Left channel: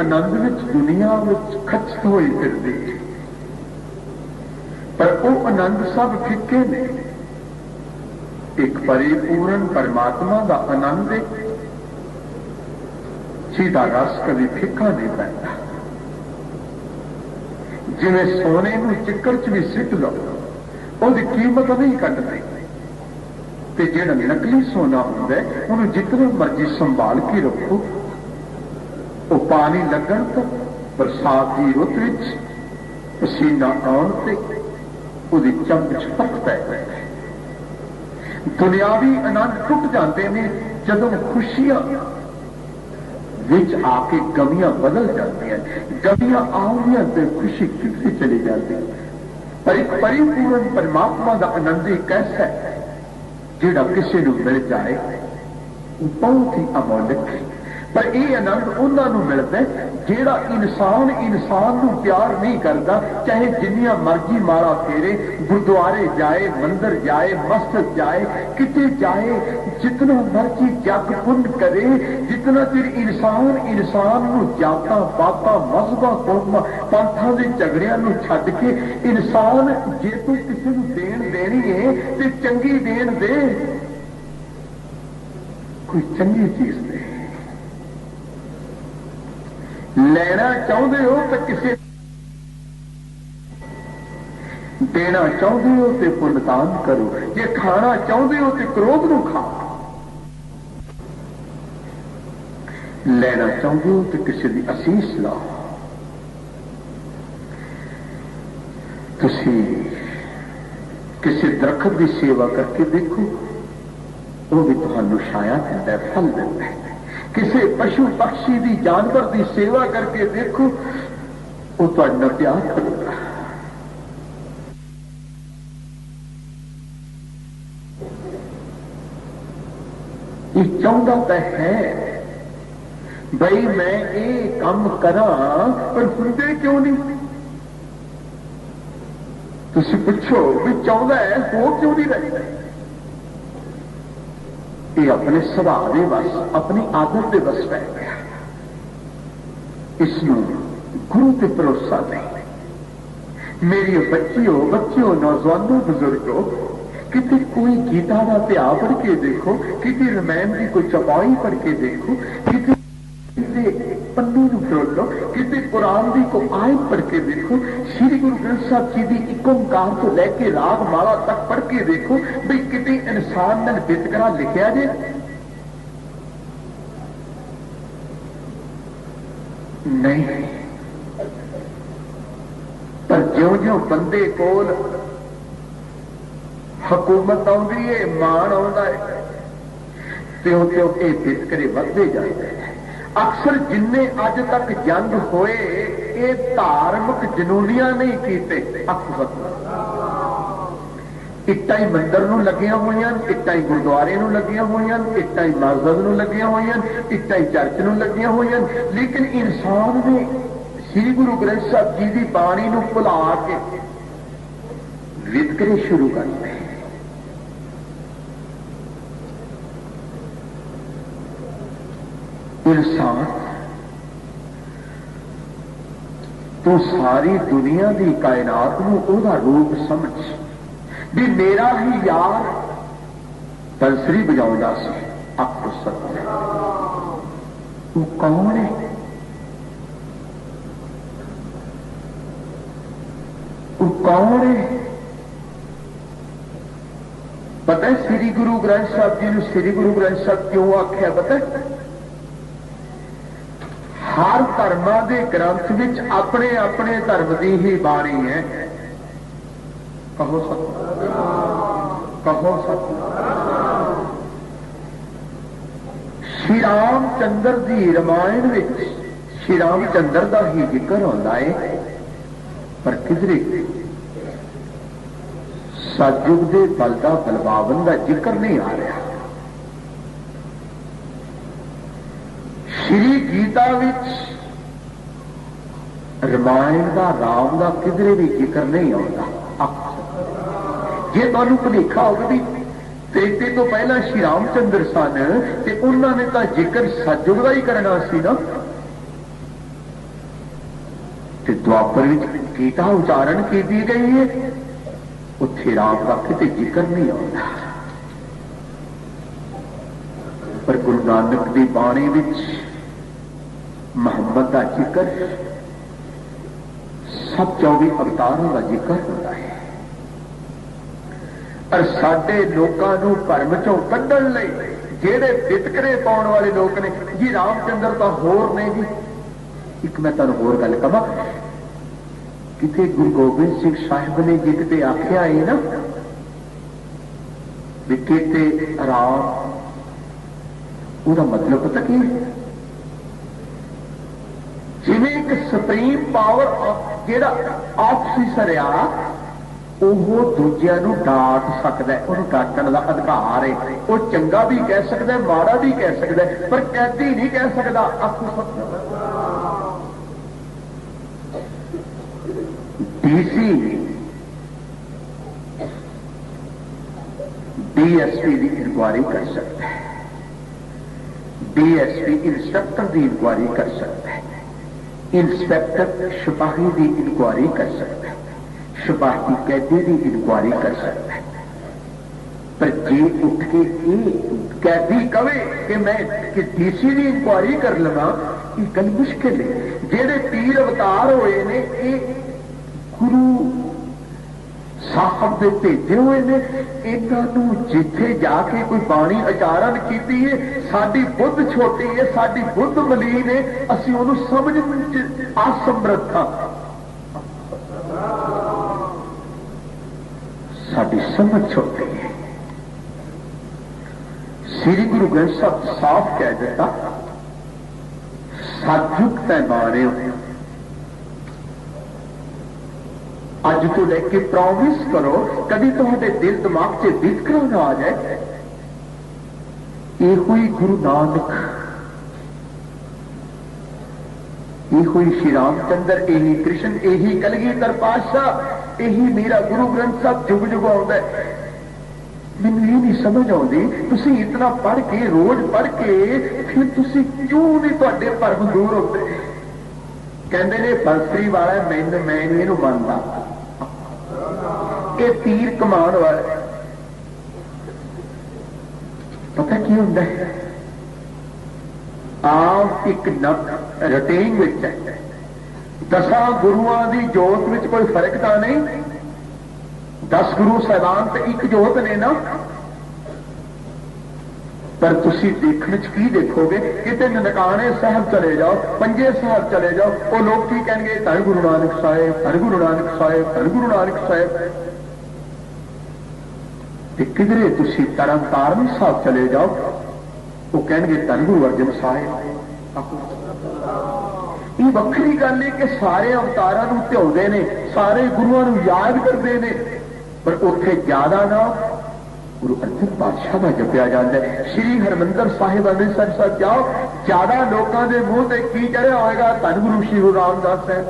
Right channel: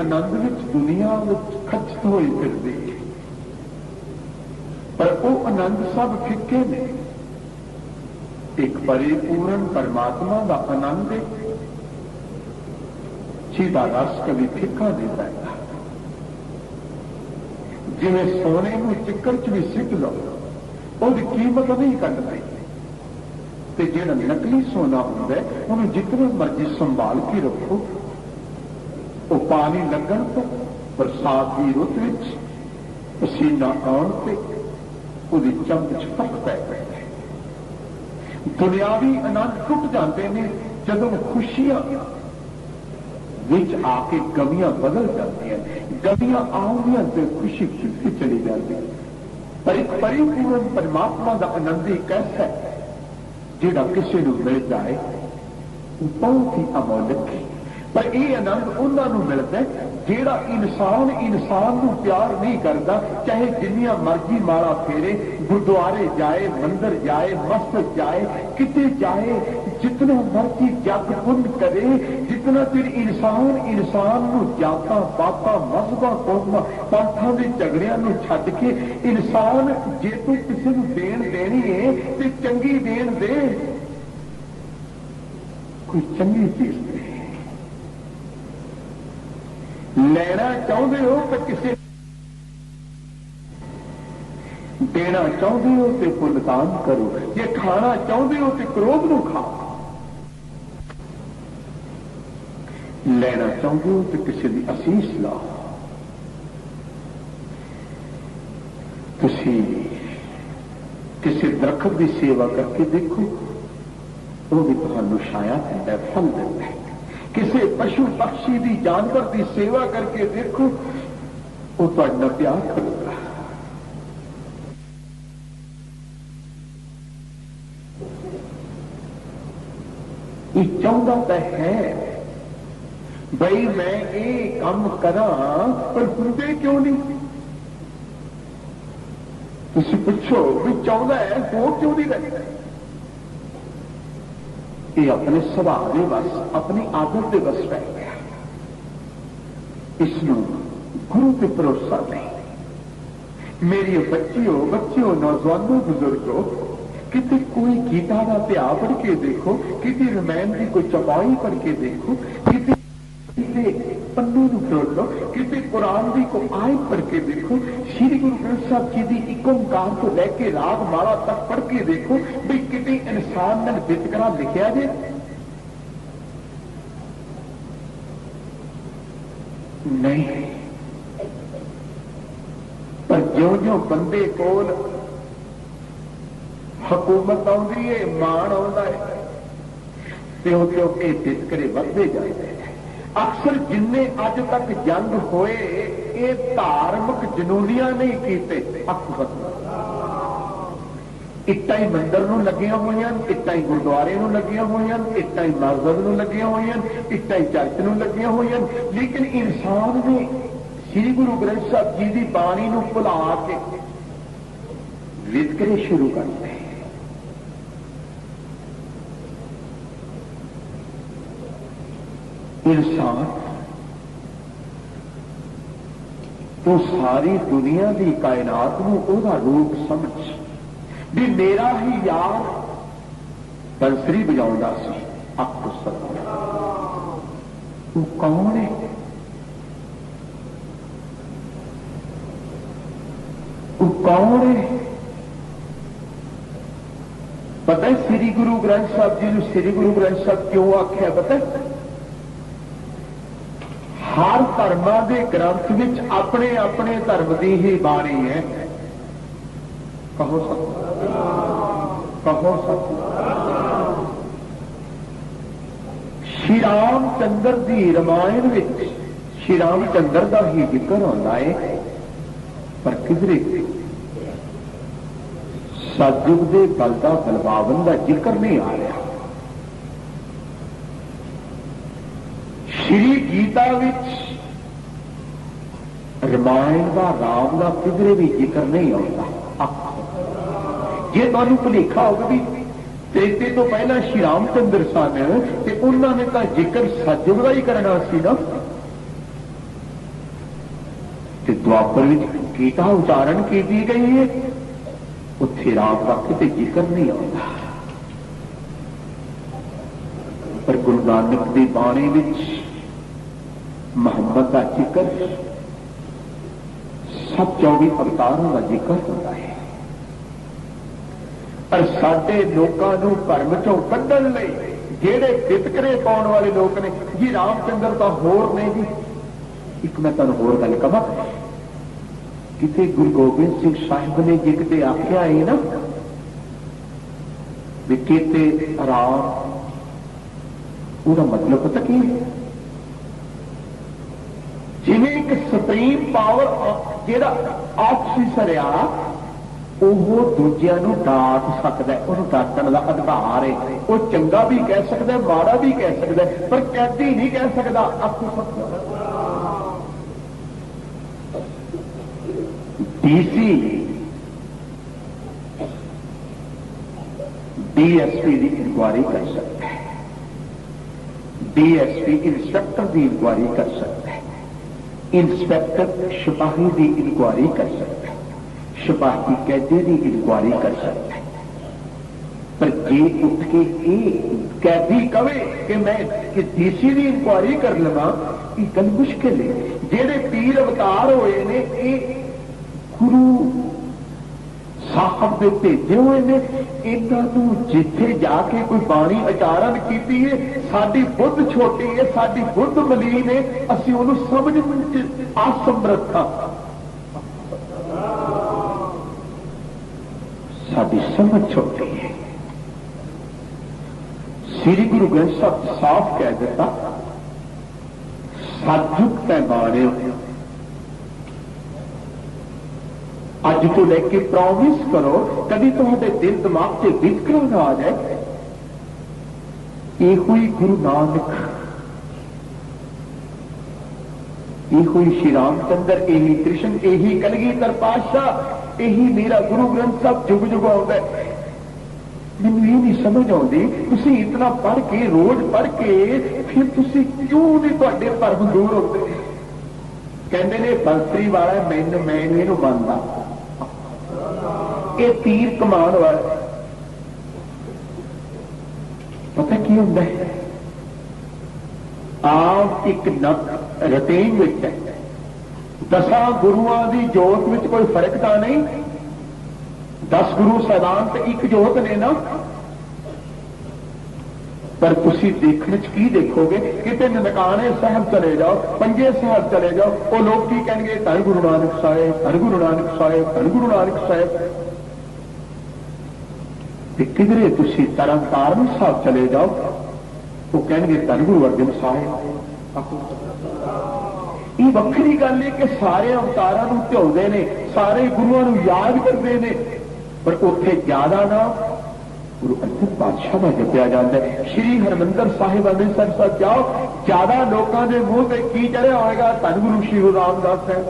आनंद विच दुनिया विच खचत हुई फिरदी है, पर वो आनंद सब फिक्के ने। एक परिपूर्ण परमात्मा का आनंद है जिहदा रस कभी फिक्का नहीं पैंदा। जिवें सोने नूं चिक्कड़ च भी सिट लो उसकी कीमत नहीं कटदी, ते जिहड़ा नकली सोना हुंदा है उन्हें जितना मर्जी संभाल के रखो, वो पानी लगन तो बरसात की रुत विच पसीना आउण ते उसदी चमच फर्क पै जाता है। दुनियावी आनंद टुट जाते हैं जदों खुशियां विच आके गमियां बदल जाती हैं, गमियां आउंदियां ते खुशी कितनी चली जाती है। पर एक परिपूर्ण परमात्मा का आनंद एक ऐसा है जिहड़ा किसी को मिल जाए बहुत ही अमोलक है। पर यह आनंद उन्होंने मिलता है जिहड़ा इंसान को प्यार नहीं करता, चाहे जिन्नियां मर्जी मारा फेरे, गुरुद्वारे जाए, मंदिर जाए, मस्जिद जाए, किते जाए, जितना मर्जी जप पुण्य करे, जितना चिर इंसान को जाता पाता मजहबा कौमां पंथां दे झगड़ियां नूं छड्ड के इंसान जे तू किसी को देन देनी है तो चंगी देन दे, कोई चंगी चीज दे। लेना चाहते हो तो किसी देना चाहते हो तो पुण्यदान करो, जे खाना चाहते हो तो क्रोध को खाओ, लेना चाहते हो तो किसी की असीस लाओ। तुसी किसी दरखत की सेवा करके देखो, वो भी तुहानू छाया देता है, फल देता है। किसी पशु पक्षी की जानवर की सेवा करके देखो, वो तुहाडा प्यार करेगा। ये चाहता तो है भाई मैं ये काम करा, पर सुनते क्यों नहीं? तुसी पूछो भी चाहता है हो क्यों नहीं रहे? ये अपने स्वभाव के बस, अपनी आदत के बस पै गया। इसनों गुरु पे भरोसा नहीं। मेरी बच्चियों नौजवानों बुजुर्गों, किसी कोई गीता का ध्या पढ़ के देखो, किसी रामायण की कोई चौपाई पढ़ के देखो, किसी पन्ने फरोलो, किसी कुरान की कोई आयत पढ़ के देखो, श्री गुरु ग्रंथ साहब जी की एक ओंकार तो लैके राग माला तक पढ़ के देखो भी किसी इंसान ने वितकरा लिखा जे? नहीं। पर ज्यों-ज्यों बंदे कोल हुकूमत आउंदी है, मान आउंदा है, त्यों-त्यों ये वितकरे वधदे जाते हैं। अक्सर जिन्ने अज तक जंग होए ये धार्मिक जनूनियां नहीं कीते। इट्टा ही मंदिर नूं लगियां होईयां, इट्टा ही गुरुद्वारे नूं लगियां होईयां, इट्टा ही मस्जिद नूं लगियां होईयां, इट्टा ही चर्च नूं लगियां होईयां, लेकिन इंसान ने श्री गुरु ग्रंथ साहब जी की बाणी नूं भुला के वितकरे शुरू करते। इंसान तो सारी दुनिया की कायनात नूं ओहदा रूप समझ भी मेरा ही यार बंसरी बजाउंदा सी। आपको सत्य वो कौन है? वो कौन है? पता है श्री गुरु ग्रंथ साहब जी ने श्री गुरु ग्रंथ साहब क्यों आख्या? पता है हर धर्मां दे ग्रंथ विच अपने अपने धर्म की ही बाणी है। कहो सत्य, कहो सत्य। श्री रामचंद्र की रामायण विच श्री रामचंद्र का ही जिक्र होता है, पर किधरे सतयुग के बलदा बलवावन का जिक्र नहीं आ रहा। श्री गीता विच रामायण का राम का किधरे भी जिक्र नहीं आता। जे तुहानू भुलेखा होगा भी त्रेते तो पहला श्री रामचंद्र सन ते उन्होंने तो जिक्र सतयुग का ही करना सी ना, ते द्वापर विच गीता उच्चारण की दी गई है, उत्थे राम का किते जिक्र नहीं आता। पर गुरु नानक की बाणी विच मुहम्मद का जिक्र, सब 24 अवतारों का जिक्र होता है। और साडे लोकां नूं भरम चों कढण लई जेड़े वितकरे पाउण वाले लोग ने जी रामचंद्र तो होर ने जी। एक मैं तुहानूं होर गल कहां, किते गुरु गोबिंद सिंह साहिब ने जे किते आख्या है ना भी किते राम, उसका मतलब पता की है? जिवें एक सुप्रीम पावर जेड़ा ऑफिसर आ वो दूजिया नूं डांट सकदा है, उहनूं डांटण दा अधिकार है। वो चंगा भी कह सकदा है, माड़ा भी कह सकदा है, पर कैदी नहीं कह सकदा। डीसी डीएसपी की इंक्वायरी कर सकता है, डीएसपी इंस्पेक्टर की इंक्वायरी कर सकता है, इंस्पेक्टर सिपाही की इंक्वायरी कर सकता है, सिपाही कैदी की इंक्वायरी कर सकता है। पर जे उठ के कैदी कवे कि मैं कि डीसी की इंक्वायरी कर लवा, ये गल मुश्किल है। जेड़े पीर अवतार होए ने ये गुरु साहब दे भेजे हुए ने, इन्हों जिथे जाके कोई बाणी उचारण की है, साडी बुद्ध छोटी है, साडी बुद्ध मलीन है, असीं उहनूं समझण असमर्थ हां। साडी समझ छोटी है। श्री गुरु ग्रंथ साहब साफ कह दिता, सतयुग पैमाने अज तो लेके प्रॉमिस करो कभी तुम्हारे दिल दिमाग से वितकरा ना आ जाए। ये हुई गुरु नानक, ये हुई श्री रामचंद्र, यही कृष्ण, यही कलगीधर पातशाह, यही मेरा गुरु ग्रंथ साहब जुग जुग आता है। मैनूं ये नहीं समझ आती, तुसीं इतना पढ़ के रोज पढ़ के फिर तुसीं क्यों नहीं तुहाडे भरम दूर होते? कहते ने बंसरी वाला मैं नहीं मनता, ये तीर कमान वाला। पता की होंदा है? आम एक रटेन विच 10 गुरुआं दी जोत विच कोई फर्क तो नहीं। 10 गुरु साहिबान ते एक जोत ने ना, पर तुसी देखने च की देखोगे किते ननकाने साहब चले जाओ, पंजे साहब चले जाओ, वो लोग की कहेंगे धन गुरु नानक साहिब, धन गुरु नानक साहिब, धन गुरु नानक साहिब। किधरे तुसी तरनतारण साहब चले जाओ, वो कहेंगे धन गुरु अर्जन साहिब। ये वक्री गल है कि सारे अवतारों ध्याउंदे ने, सारे गुरुओं को याद करते हैं, पर उत्थे ज्यादा ना गुरु अर्जन पातशाह का जपया जाता है। श्री हरमंदर साहिब अमृतसर साहब जाओ, ज्यादा लोगों के मुंह से की चढ़िया होगा धन गुरु श्री गुरु रामदास साहब।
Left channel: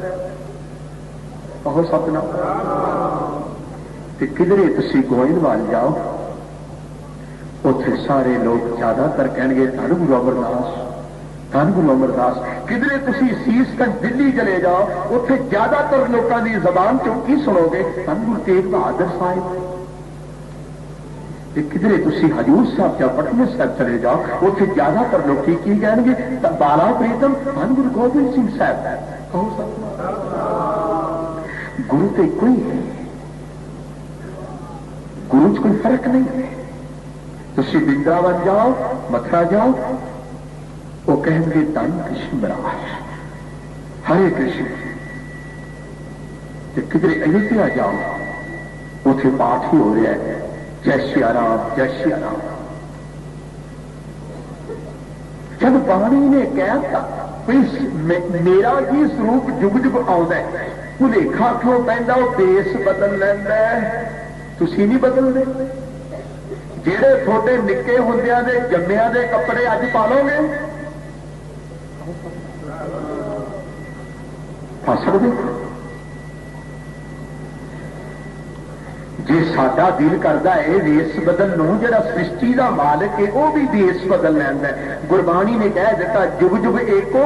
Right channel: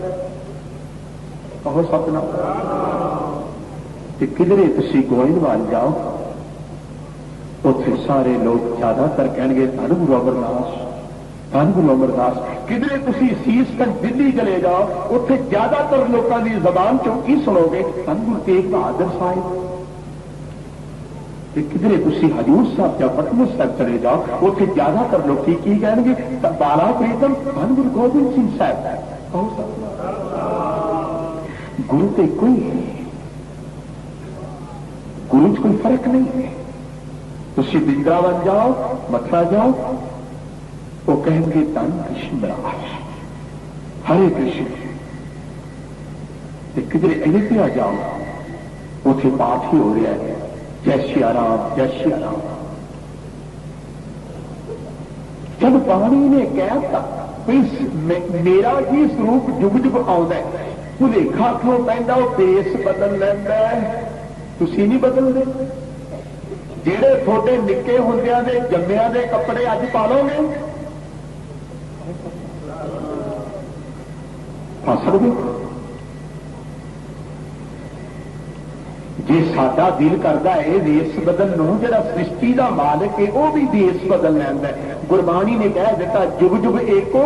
कहो सतनाम। किधरे तुसी गोइंदवाल जाओ, उत्थे सारे लोग ज्यादातर कहेंगे धन गुरु अमरदास, धन गुरु अमरदास। किधरे तुसी सीसगंज दिल्ली चले जाओ, उत्थे ज्यादातर लोगों की जबान चो की सुनोगे धन गुरु तेग बहादुर साहिब। किधरे तुसी हजूर साहब या पटना साहब चले जाओ, उत्थे ज्यादातर लोग की कहेंगे बाला प्रीतम धन गुरु गोबिंद सिंह साहब। कहो गुरु तो एक ही है, गुरु च कोई फर्क नहीं है। तुसी वृंदावन जाओ, मथुरा जाओ, वो कहेंगे धन कृष्ण महाराज, हरे कृष्ण। किधरे अयोध्या जाओ, उसे पाठ ही हो रहा है जय श्री राम, जय श्री राम। जब पानी ने कहता मेरा ही स्वरूप जुग जुग आउंदा है, भुलेखा क्यों पैंदा, वो बेस बदल लैंदा है, तुसी नहीं बदलते। जेड़े थोड़े निक्के हुंदियां दे जम्मियां दे कपड़े अज पा लोगे, पा सकदे। जे साडा दिल करता है वेस बदल नूं, जिहड़ा सृष्टि का मालिक है वह भी वेस बदल लैंदा है। गुरबाणी ने कह दिता जुग जुग एको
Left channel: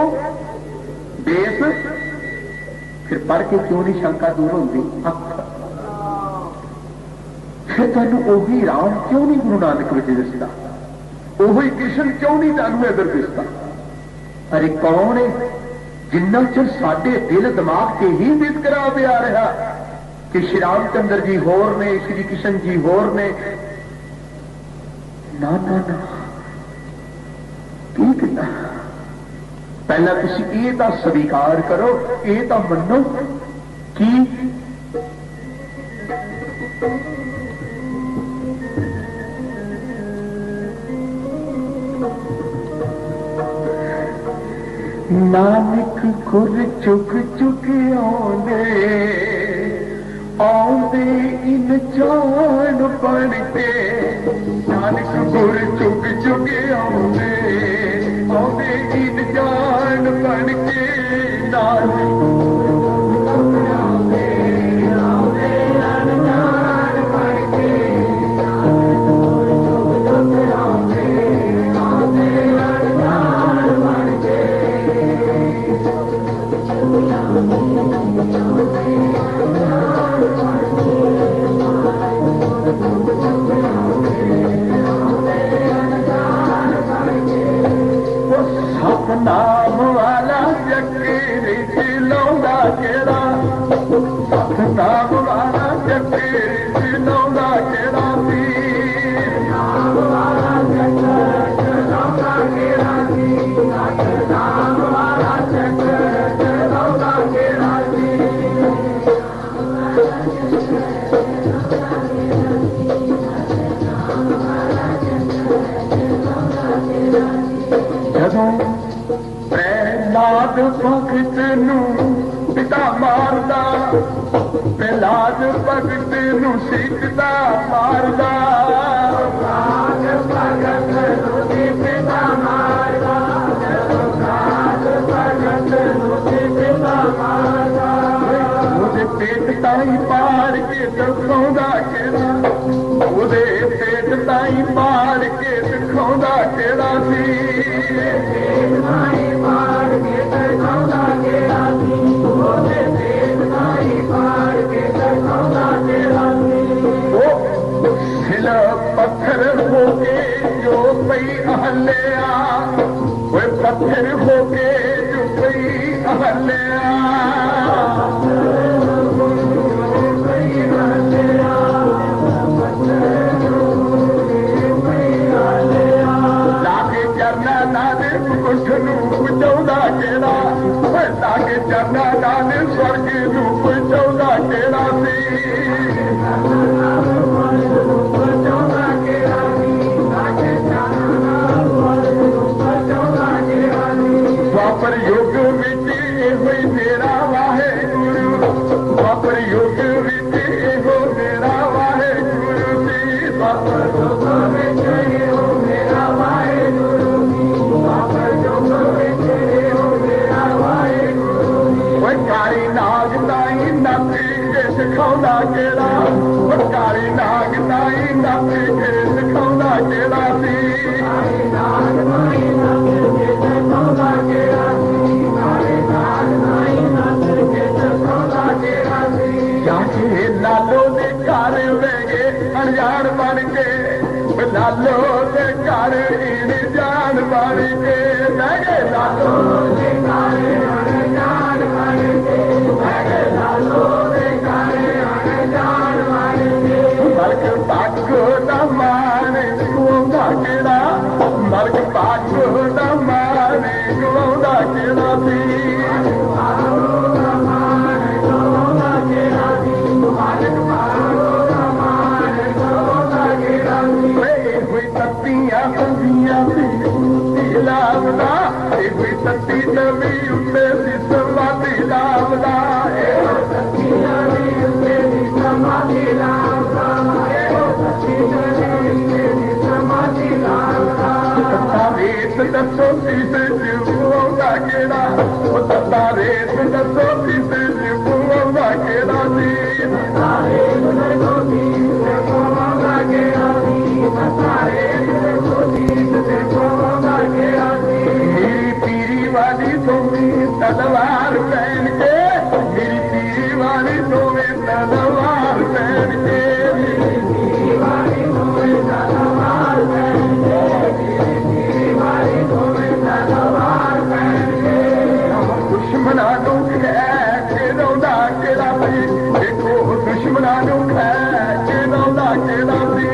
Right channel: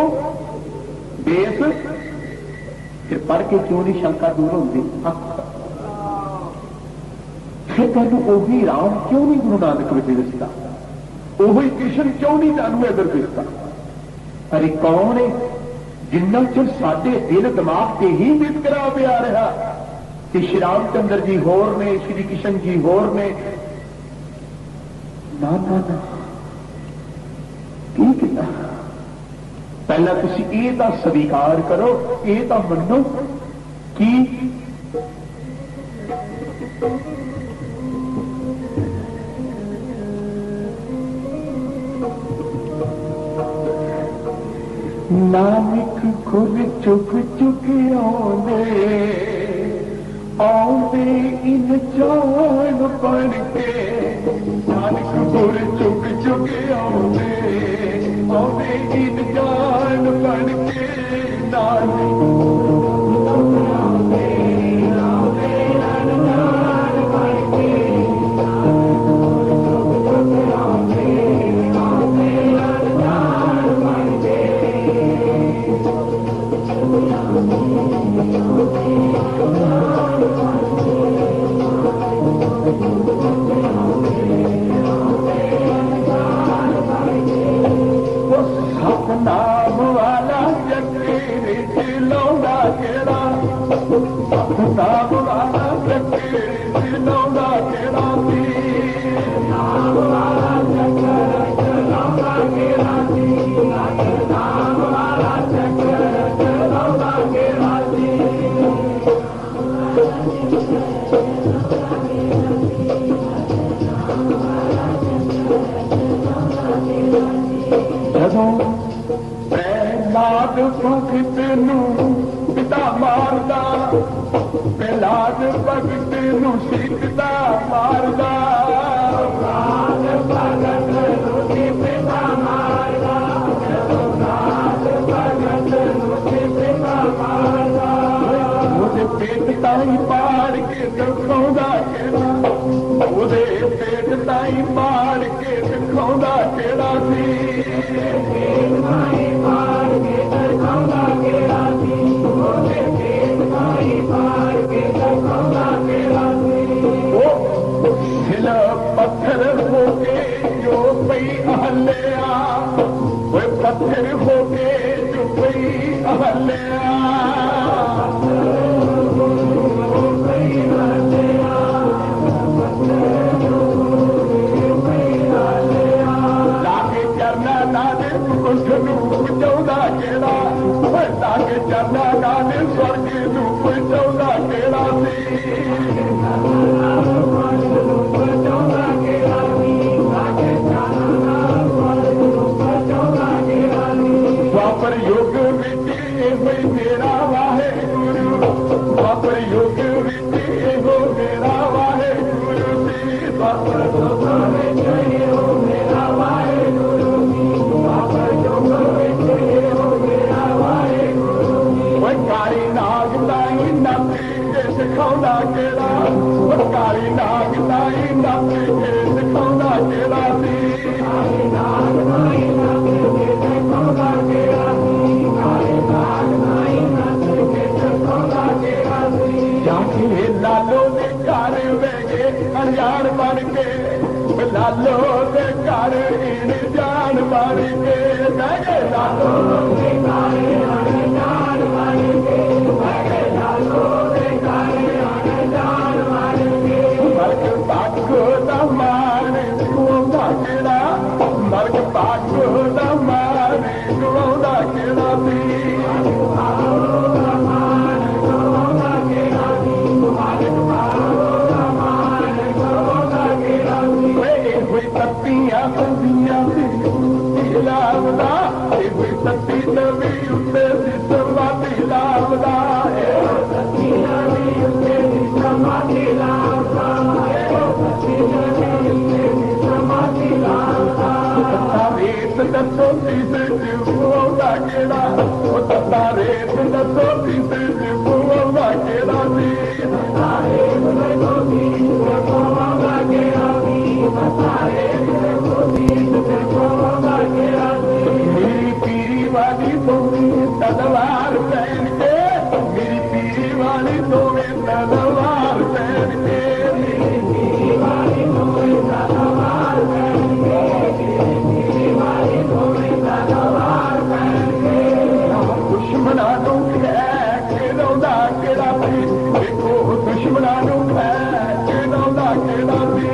बेस, फिर पढ़ के क्यों नहीं शंका दूर होती। फिर तुहानूं ओही राम क्यों नहीं गुरु नानक विच दिसदा, ओही कृष्ण क्यों नहीं तुहानूं इधर दिसदा। अरे कौन है जिन्ना चिर साडे दिल दिमाग से ही वितकरा पिया रहा कि श्री रामचंद्र जी होर ने, श्री कृष्ण जी होर ने। ना ना ना, की किया? पहला तुसी ये तो स्वीकार करो, ये तो मनो कि नानक गुर चुग चुग आउंदे इन जान बन के, नानक गुर चुग चुग आउंदे इन जान बन के। स्वर्ग नूं पहुंचाउंदा किहड़ा सी द्वापर युग विच इहो मेरा वाहिगुरू द्वापर युग विच इहो मेरा वाहिगुरू सी द्वापर युग विच इहो मेरा वाहिगुरू द्वापर युग विच इहो मेरा वाहिगुरू काली नाग ताई नੱਚ के सिखाउंदा किहड़ा काली नाग ताई नੱਚ के सिखाउंदा किहड़ा सी काली नाग ताई नੱਚ के सिखाउंदा किहड़ा सी काली नाग ताई नੱਚ के सिखाउंदा किहड़ा सी जाके लालो दे घर बह गए अनजान बन के लालो दे घर इन जान बन के बह गए लालो दे घर अनजान बन के बह गए लालो दे घर अनजान बन के मलक पाको दा मान गुआउंदा किहड़ा मलक पाको दा मान गुआउंदा किहड़ा सी सत्ती नवी उत्ते समाधि लावदा सत्ती नवी उत्ते समाधि लावदा सत्ती नवी उत्ते समाधि लावदा रेत दसो किसे जीवोदा केड़ा सत्ता रेत दसो किसे जीवोदा केड़ा सी सत्ता रेत दसो किसे जीवोदा केड़ा सी सत्ता रेत दसो किसे जीवोदा केड़ा सी सोनी तलवार पहन के मेरी पीरी वाली सोने तलवार पहन के मेरी पीरी वाली सोने तलवार पहन के मेरी पीरी वाली सोने तलवार पहन के दुश्मना नूं खैर के रौंदा केड़ा सी देखो दुश्मना नूं खैर के रौंदा केड़ा सी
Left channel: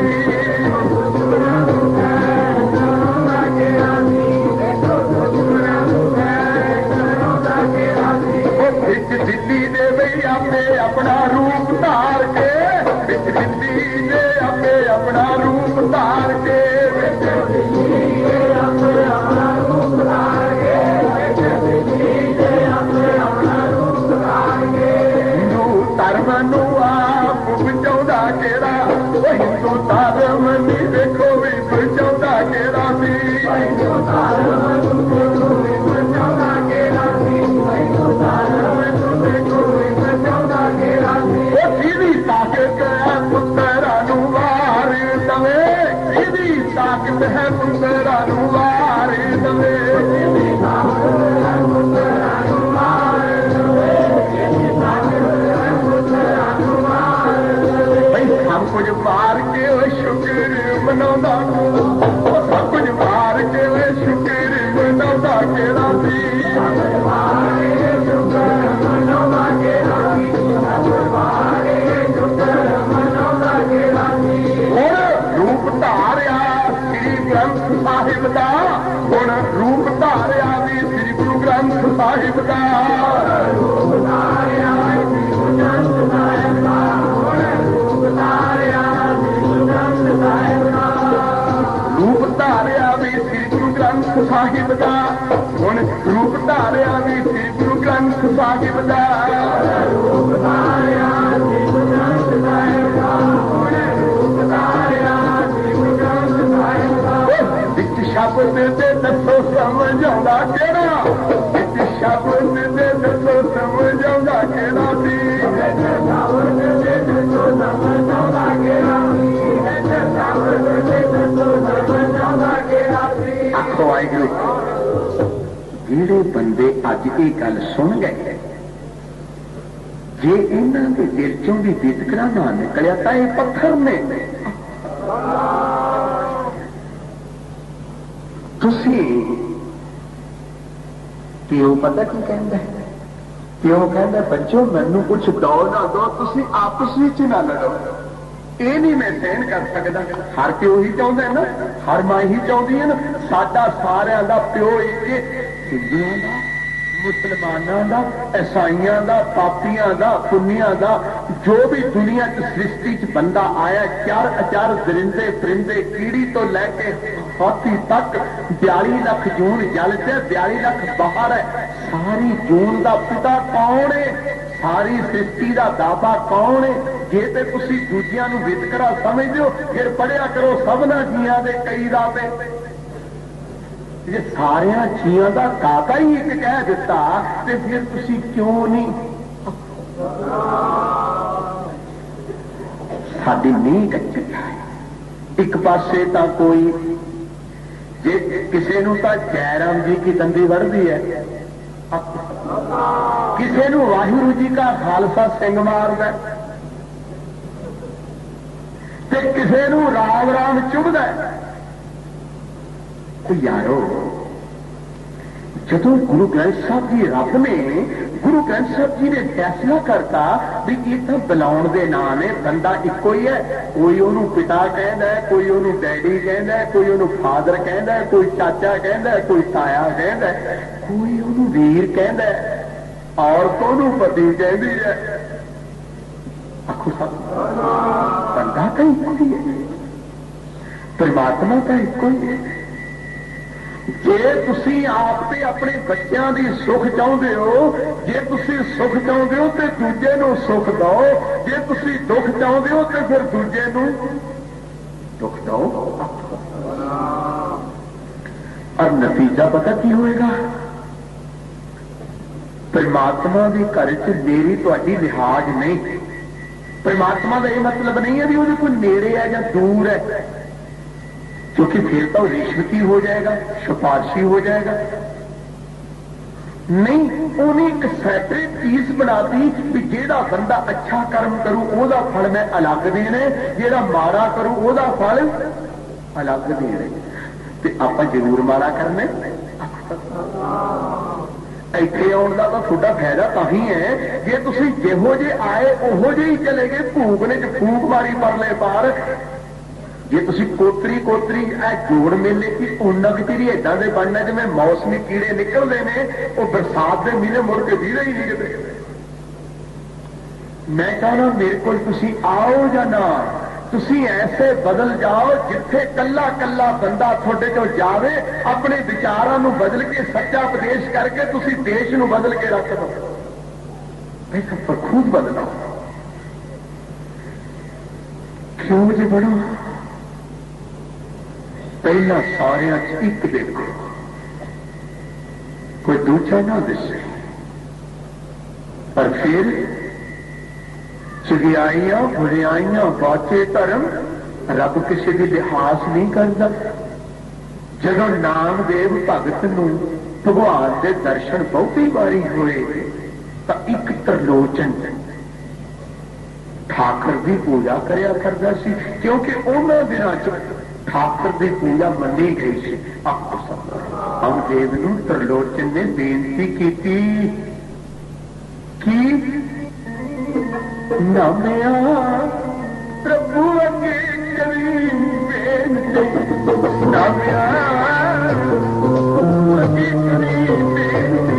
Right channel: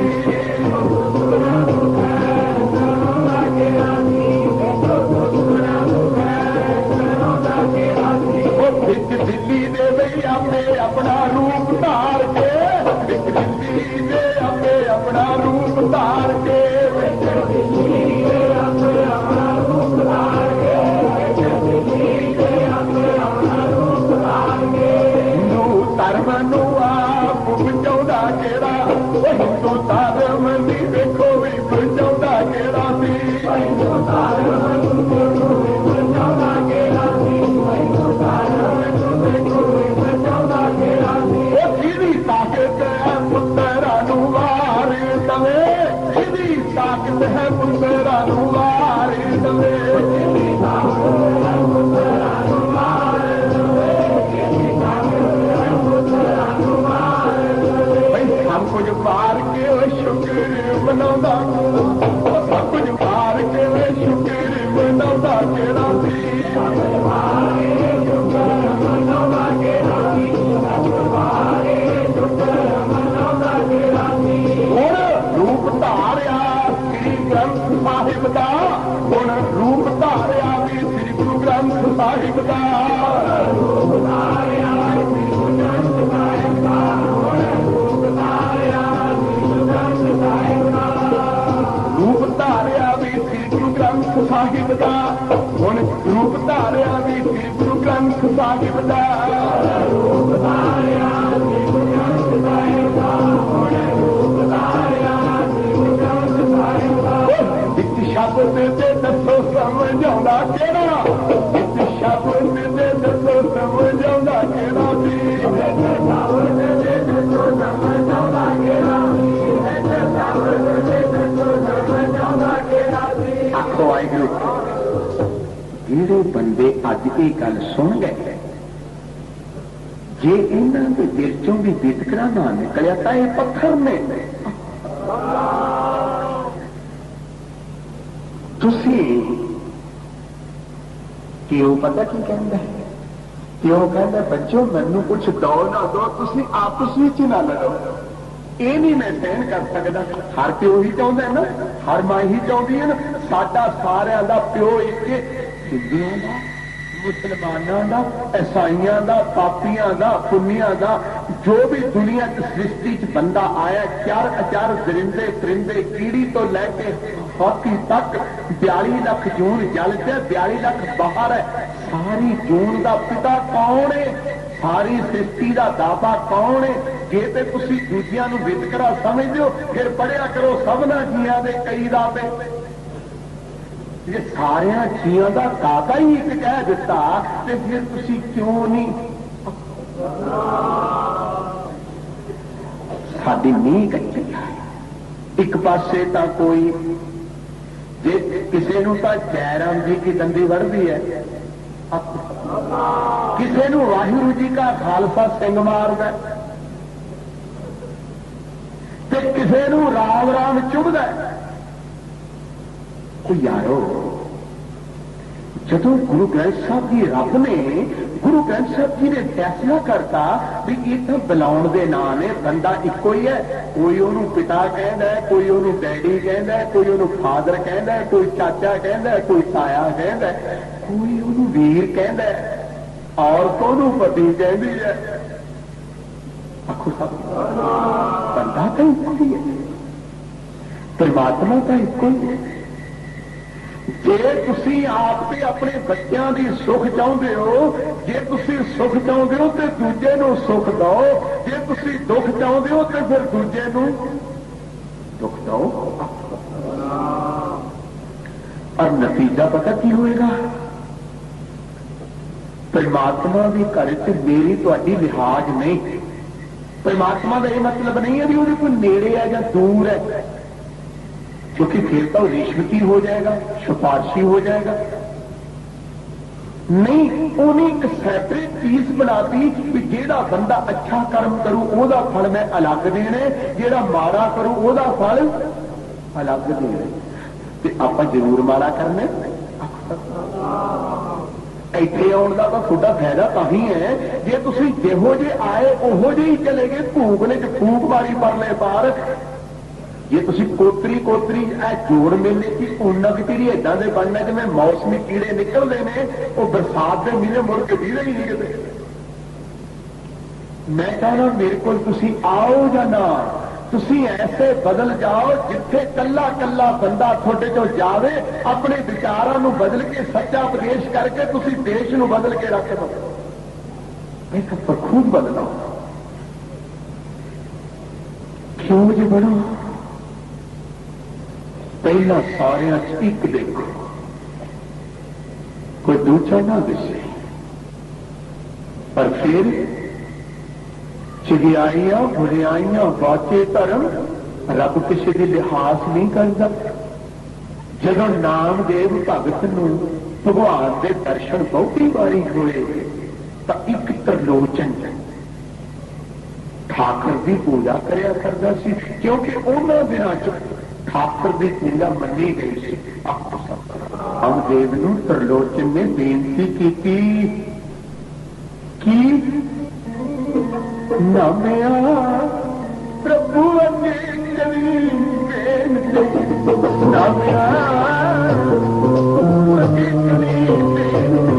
दुश्मना नूं खैर के रौंदा केड़ा सी देखो दुश्मना नूं एक दिल्ली दे वही आपने अपना रूप धार के एक दिल्ली दे आपने अपना रूप धार के एक दिल्ली दे आपने अपना रूप धार के एक दिल्ली दे आपने अपना रूप धार के हिंदू धर्म नूं आप बचाउंदा किहड़ा हिंदू धर्म नी देखो भी बचाउंदा किहड़ा सी हिंदू धर्म नूं देखो भी बचाउंदा किहड़ा सी हिंदू धर्म ताकत है पुत्तरा वार दवे इहदी ताकत है पुत्तरा वार दवे सब कुछ मार के शुक्र मनाउंदा सब कुछ मार के शुक्र मनाउंदा किहड़ा सी रूप धारिया श्री ग्रंथ साहिब का हुण रूप धारिया भी श्री गुरु ग्रंथ साहिब का रूप धारिया श्री गुरु ग्रंथ साहिब का रूप धारिया श्री गुरु ग्रंथ साहिब का रूप धारिया भी श्री गुरु ग्रंथ साहिब का हुण रूप धारिया भी श्री गुरु ग्रंथ साहिब का रूप धारिया श्री गुरु ग्रंथ साहिब का हुण रूप धारिया शब्द दे दसो समझ आउंदा किहड़ा शब्द दे दसो समझ आउंदा किहड़ा सी शब्द दे दसो समझ आउंदा किहड़ा शब्द दे दसो समझ आउंदा किहड़ा सी आखो वाहिगुरू जिहड़े बंदे अज ये गल सुन गए जे इन्हां दे दिल चों भी वितकरा ना निकलिया तां ये पत्थर ने तुसी प्यो पता की कहता है प्यो कहता बच्चों मैनू कुछ दो ना दो तुसी आपस में ना लड़ो ये नहीं मैं सहन कर सकता हर प्यो ही चाहता है ना हर मां ही चाहती है ना साडा सारियां दा प्यो एक मुसलमानों का, ईसाइयों का, पापियां का, पुनिया का, जो भी दुनिया सृष्टि च बंदा आया, चार अचार दरिंदे परिंदे कीड़ी तो लैके हाथी तक 42 लाख जून जल च 42 लाख बाहर है। सारी जून का पिता कौन है? सारी सृष्टि का दाता कौन है? जे ते तुसी दूजियां नूं वितकरा समझदे हो, फिर पढ़िया करो सबना जियां दे कई दाते। जे सारिया जियां का दाता ही एक कह दिता, तो फिर तुसी क्यों नहीं? साडी नींह कच्ची है। एक पासे तो कोई जे किसी नूं तां जयराम जी की दंदी वरदी है, किसी नूं वाहिगुरू जी का खालसा सिंह मारदा, ते किसी नूं राम राम चुभदा। तो यारो, जदों गुरु ग्रंथ साहब जी रब ने गुरु ग्रंथ साहब जी ने फैसला करता भी इतना बुलाउण दे नाम ने बंदा इको ही है। कोई ओनू पिता कहता है, कोई ओनू डैडी कहता है, कोई ओनू फादर कहता है, कोई चाचा कहता है, कोई ताया कहता है, कोई ओनू वीर कहता है, औरत ओनू पति कहती है। आखो सब बंदा तो इको ही है, परमात्मा तो इको ही है। जे तुसी आप ते अपने बच्चों की सुख चाहते हो, जे तुसी सुख चाहते हो तो दूजे नूं सुख दो, जे तुसी दुख चाहते हो तो फिर दूजे नूं दुख दो। और नतीजा पता की होएगा? परमात्मा के घर च मेरी तुहाडी लिहाज नहीं। परमात्मा का यह मतलब नहीं है कि वो कोई नेड़े है या दूर है, क्योंकि फिर तो रिश्वती हो जाएगा, सिफारशी हो जाएगा। नहीं, उन्हें एक सैपरेट चीज बनाती कि जेड़ा बंदा अच्छा कर्म करू ओदा फल मैं अलग देना, जेड़ा माड़ा करू ओदा फल अलग देना। ते आपां जरूर माड़ा करना। इत्थे आउण दा तां तुहाडा फायदा तां ही है जे तुसीं जिहो जे आए उहो जे ही चले गए, भूखने च फूक मारी परले पार। जे तुसी कोतरी कोतरी जोड़ मेले की उन्नत पीढ़ी इदा के बनने जिवें मौसमी कीड़े निकलते हैं, वो बरसात के महीने मुड़ के दीदे ही नहीं किते। मैं कहना मेरे को तुसी आओ या ना, तुसी ऐसे बदल जाओ जिथे कला कला बंदा थोड़े चो जावे, अपने विचारों को बदल के सच्चा उपदेश करके तुसी देश को बदल के रख दो। ऐसा पर खुद बदलो। क्यों जी बढ़ो? पहला सारिया एक देखो, कोई दूजा ना दिसे, और फिर चगियाइयां बुरियाइयां बाचे धर्म रब किसी की लिहाज नहीं करता। जदों नामदेव भगत नूं भगवान के दर्शन बहुती बारी होए तो एक त्रिलोचन ठाकर की पूजा करया करता सी, क्योंकि उन्होंने दिनों च ठाकुर की पूजा मनी गई सी। नामदेव नूं त्रिलोचन ने बेनती की नामिया प्रभु अगे करी बेनती, नामिया अगे करी बेनती।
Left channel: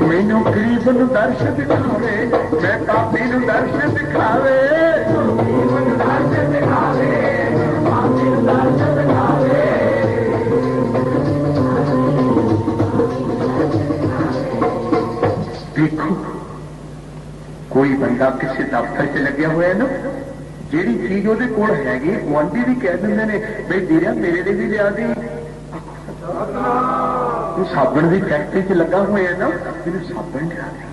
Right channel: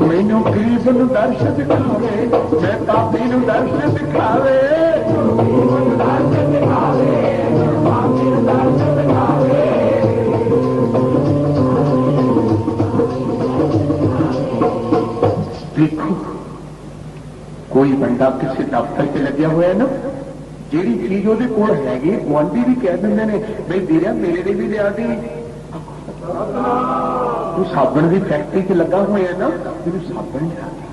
मैनू गरीब नूं दर्श दिखावे, मैं पापी नूं दर्श दिखावे। देखो, कोई बंदा किसी दफ्तर च लग्या हुआ है ना, जिहड़ी चीज ਉਹਦੇ ਕੋਲ हैगी गुआंढी भी कह ਦਿੰਦੇ ਨੇ बई ਵੀਰਿਆ मेरे लिए भी लिया दी। तू साबण की फैक्ट्री च लगा हुआ है ना, मेरे साबण लिया दी।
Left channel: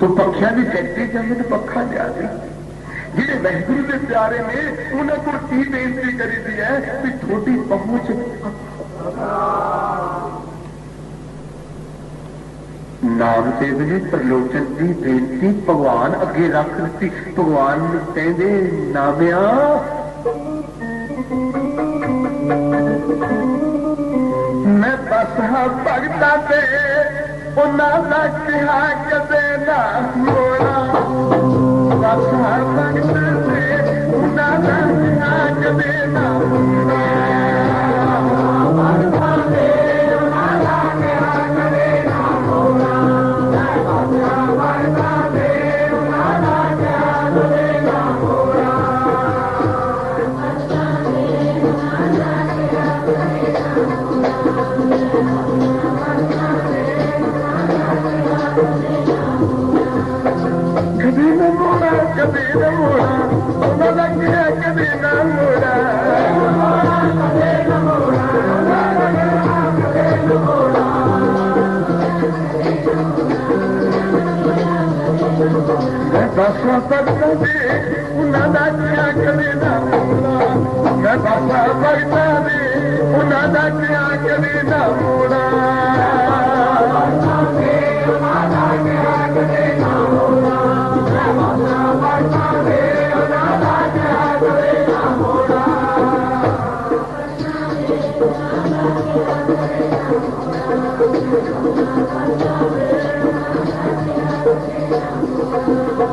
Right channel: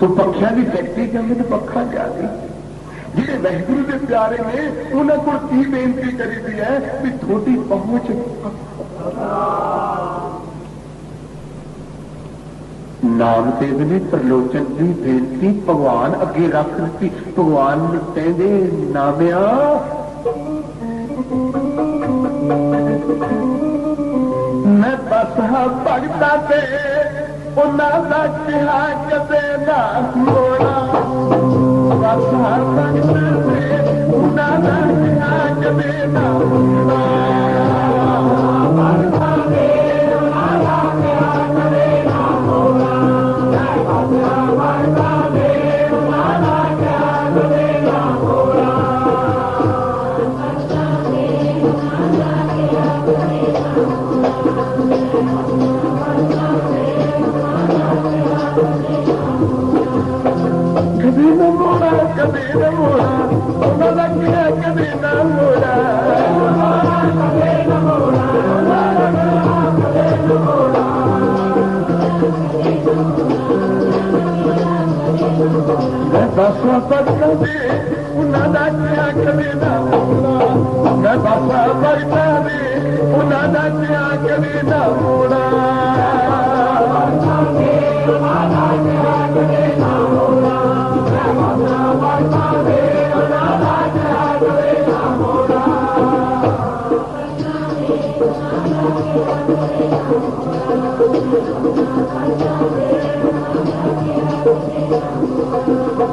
तू पखिया की फैक्ट्री च मेरे पखा लिया दी। जिहड़े वाहिगुरू के प्यारे ने उन्होंने को की बेनती करी दी है कि थोड़ी पहुंच। नामदेव ने त्रिलोचन की बेनती भगवान अगे रख दी। भगवान कहते नामिया मैं बस हाँ भगता ते उन्होंने कहा कदे ना मोड़ा बस हाँ भगता ते उन्होंने कहा कदे ना मोड़ा कभी न मोड़ा उन्होंने किया कभी न मोड़ा मैं बसा भगता दे उन्होंने किया कभी न मोड़ा मैं बसा भगता दे उन्होंने किया कभी न मोड़ा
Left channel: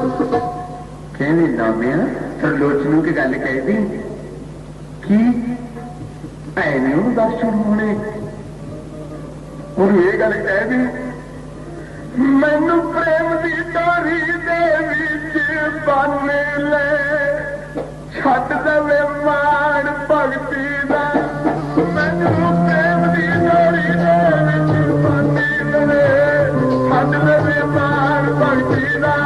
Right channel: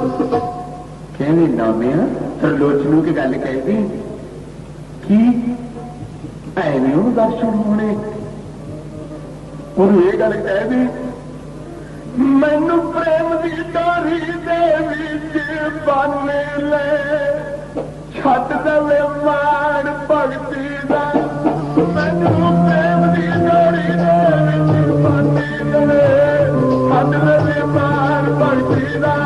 कहने नामिया त्रिलोचनों की गल कही दी कि ऐवें दर्शन होने और ये गल कह दी मैनू प्रेम की तारी दे विच बन ले छड्ड देवे माण भगती दा मैनू प्रेम की तारी दे विच बन ले छड्ड देवे माण भगती दा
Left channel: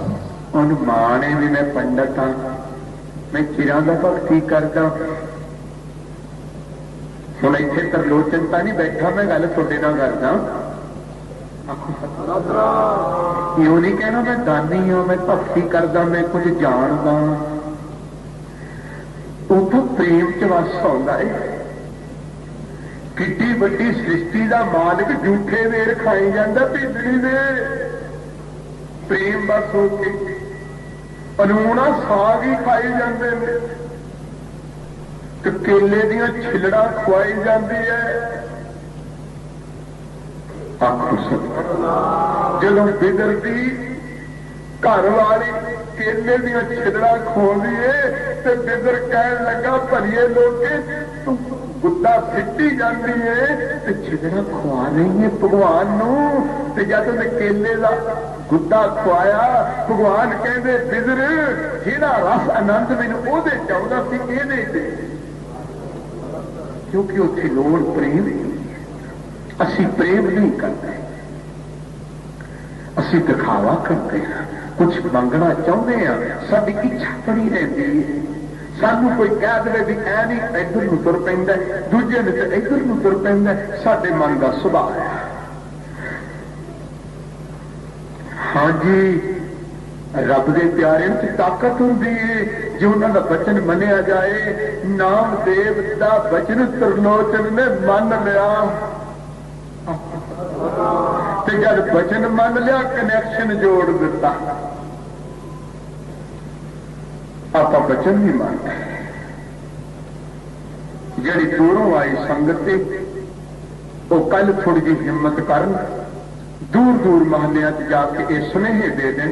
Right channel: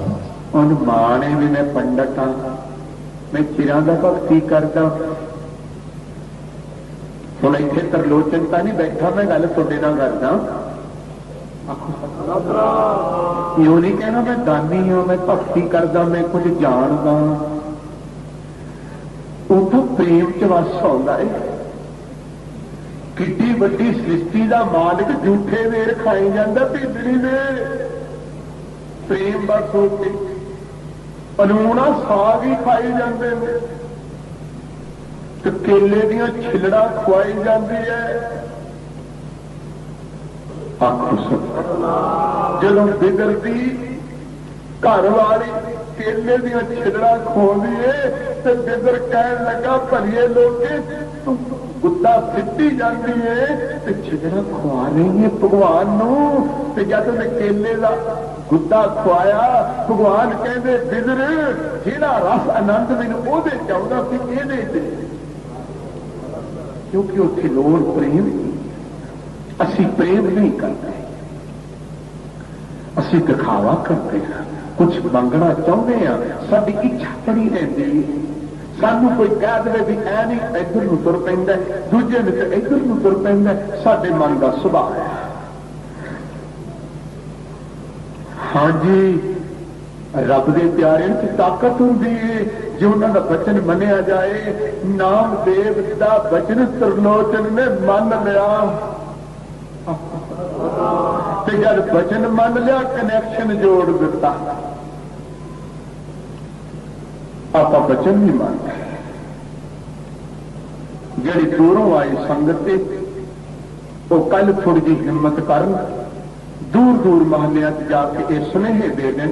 माने भी मैं पंडित हाँ मैं चिरां दा भगती करदा हुण इत्थे त्रिलोचन तां नहीं बैठा मैं गल तुहाडे नाल करदा यूं नहीं कहना मैं दानी हाँ मैं भगती करदा मैं कुछ जानदा ਉਹ ਤਾਂ प्रेम च वस आउंदा है किड्डी वड्डी सृष्टि का मालिक झूठे वेर खाई जाता बिजली दे प्रेम बस हो के अनूना साग ही खाई जाते हैं तो केले दियां छिलड़ा खुआई जाती है जदों बिगड़ती घर वाली केले दियां छिलड़ा खोदी है तो बिगड़ कहन लगा भलिए लोग तू गुद्दा सिटी जाती है तो छिलड़ा खुआ रही है भगवान नूं ते जद ते केले का गुद्दा खुआया भगवान कहते बिजर जिहड़ा रस आनंद मैनूं ओहदे च आउंदा सी इहदे च क्योंकि उत्थे लोड़ प्रेम असी प्रेम नहीं करते असी दिखावा करते हैं कुछ मंगना चाहते हैं साडी इच्छा बड़ी रहती है सानू कोई कह दे भी ऐ नहीं इधर नूं तुर पैंदा दूजे ने तो इधर नूं तुर पैंदा साडे मन का सुभाव है हाँ जी रब के प्यारे च ताकत होंदी है जो उन्होंने वचन मनिया जाए नामदेव का वचन त्रिलोचन ने मन लिया तो जब वचन मन लिया कनैक्शन जोड़ दिता आप वचन भी मानते जी दूरों आई संगत वो कल थोड़ी जी हिम्मत कर दूर दूर महलिया जाके ये सुनेहे दे दें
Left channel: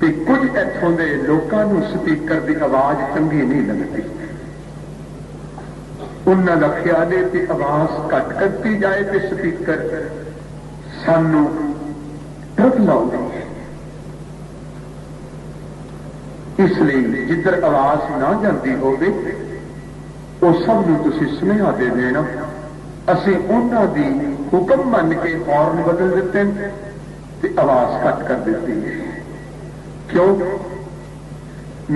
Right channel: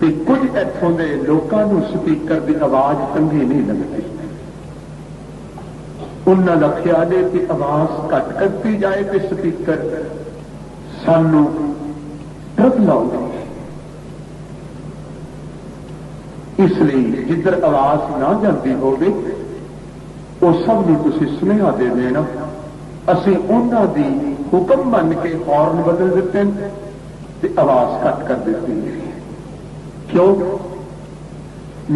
कि कुछ इतों के लोगों स्पीकर की आवाज चंगी नहीं लगती उन्होंने ख्याल है कि आवाज घट करती जाए तो स्पीकर सानू डर लाउंदे इसलिए जिधर आवाज ना जाती होवे वो सब तुसीं सुनेहा दे देना असीं उन्हां दी हुक्म मन के हॉर्न बदल दिते ते आवाज घट कर दी है क्यों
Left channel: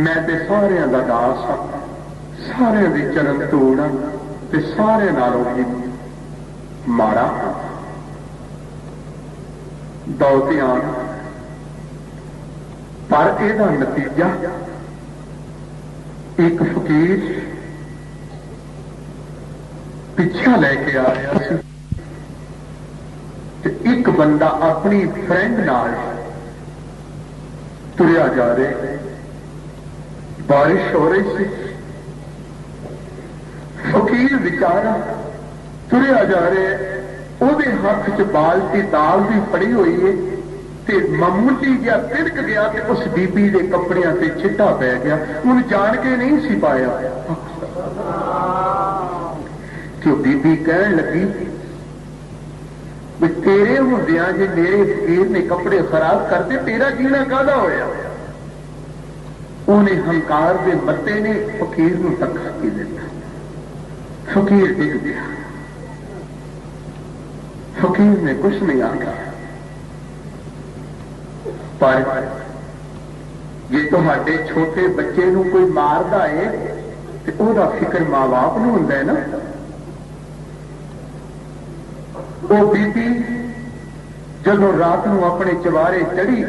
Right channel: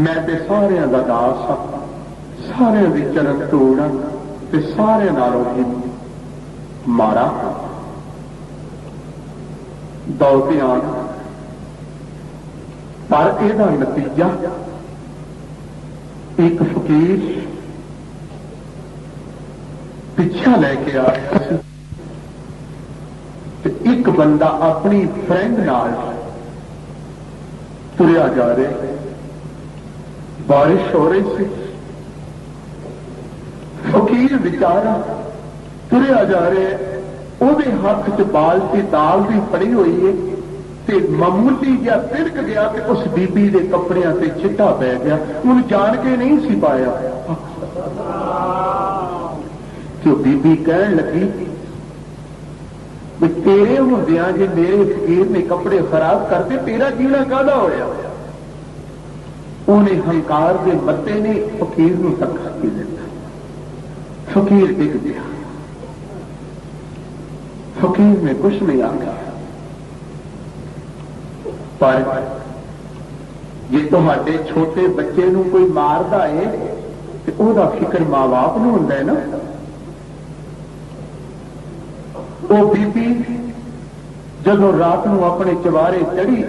मैं तो सारियां दा दास हां सारे दी चरण तोड़ ते सारे नालों भी माड़ा दौलतियान पर यदा नतीजा एक फकीर पिछा लेके आया सी ते एक बंदा अपनी फ्रेंड नाल तुरिया जा रहे, बारिश हो रही सी, फकीर बेचारा तुरिया जा रहे, ਉਹਦੇ हथ च बाल्टी दाल भी फड़ी हुई है ते मामूली जिहा तिड़क गया ते उस बीबी के कपड़ियां से छिट्टा पै गया, उन्हें जान के नहीं सी पाया कि वो बीबी कहन लगी भी तेरे हुंदियां जे मेरे फकीर ने कपड़े खराब करते तेरा जीना काहदा होया। उन्हें हंकार के मत्ते ने फकीर नूं टक्कर के दिता, फकीर डिग गया, फकीर ने कुछ नहीं आखा। पर जे तुहाडे छोटे बच्चे नूं कोई मारदा है ते ओहदा फिक्र मां बाप नूं हुंदा है ना। वो बीबी जदों रात नूं अपने चवारे चढ़ी,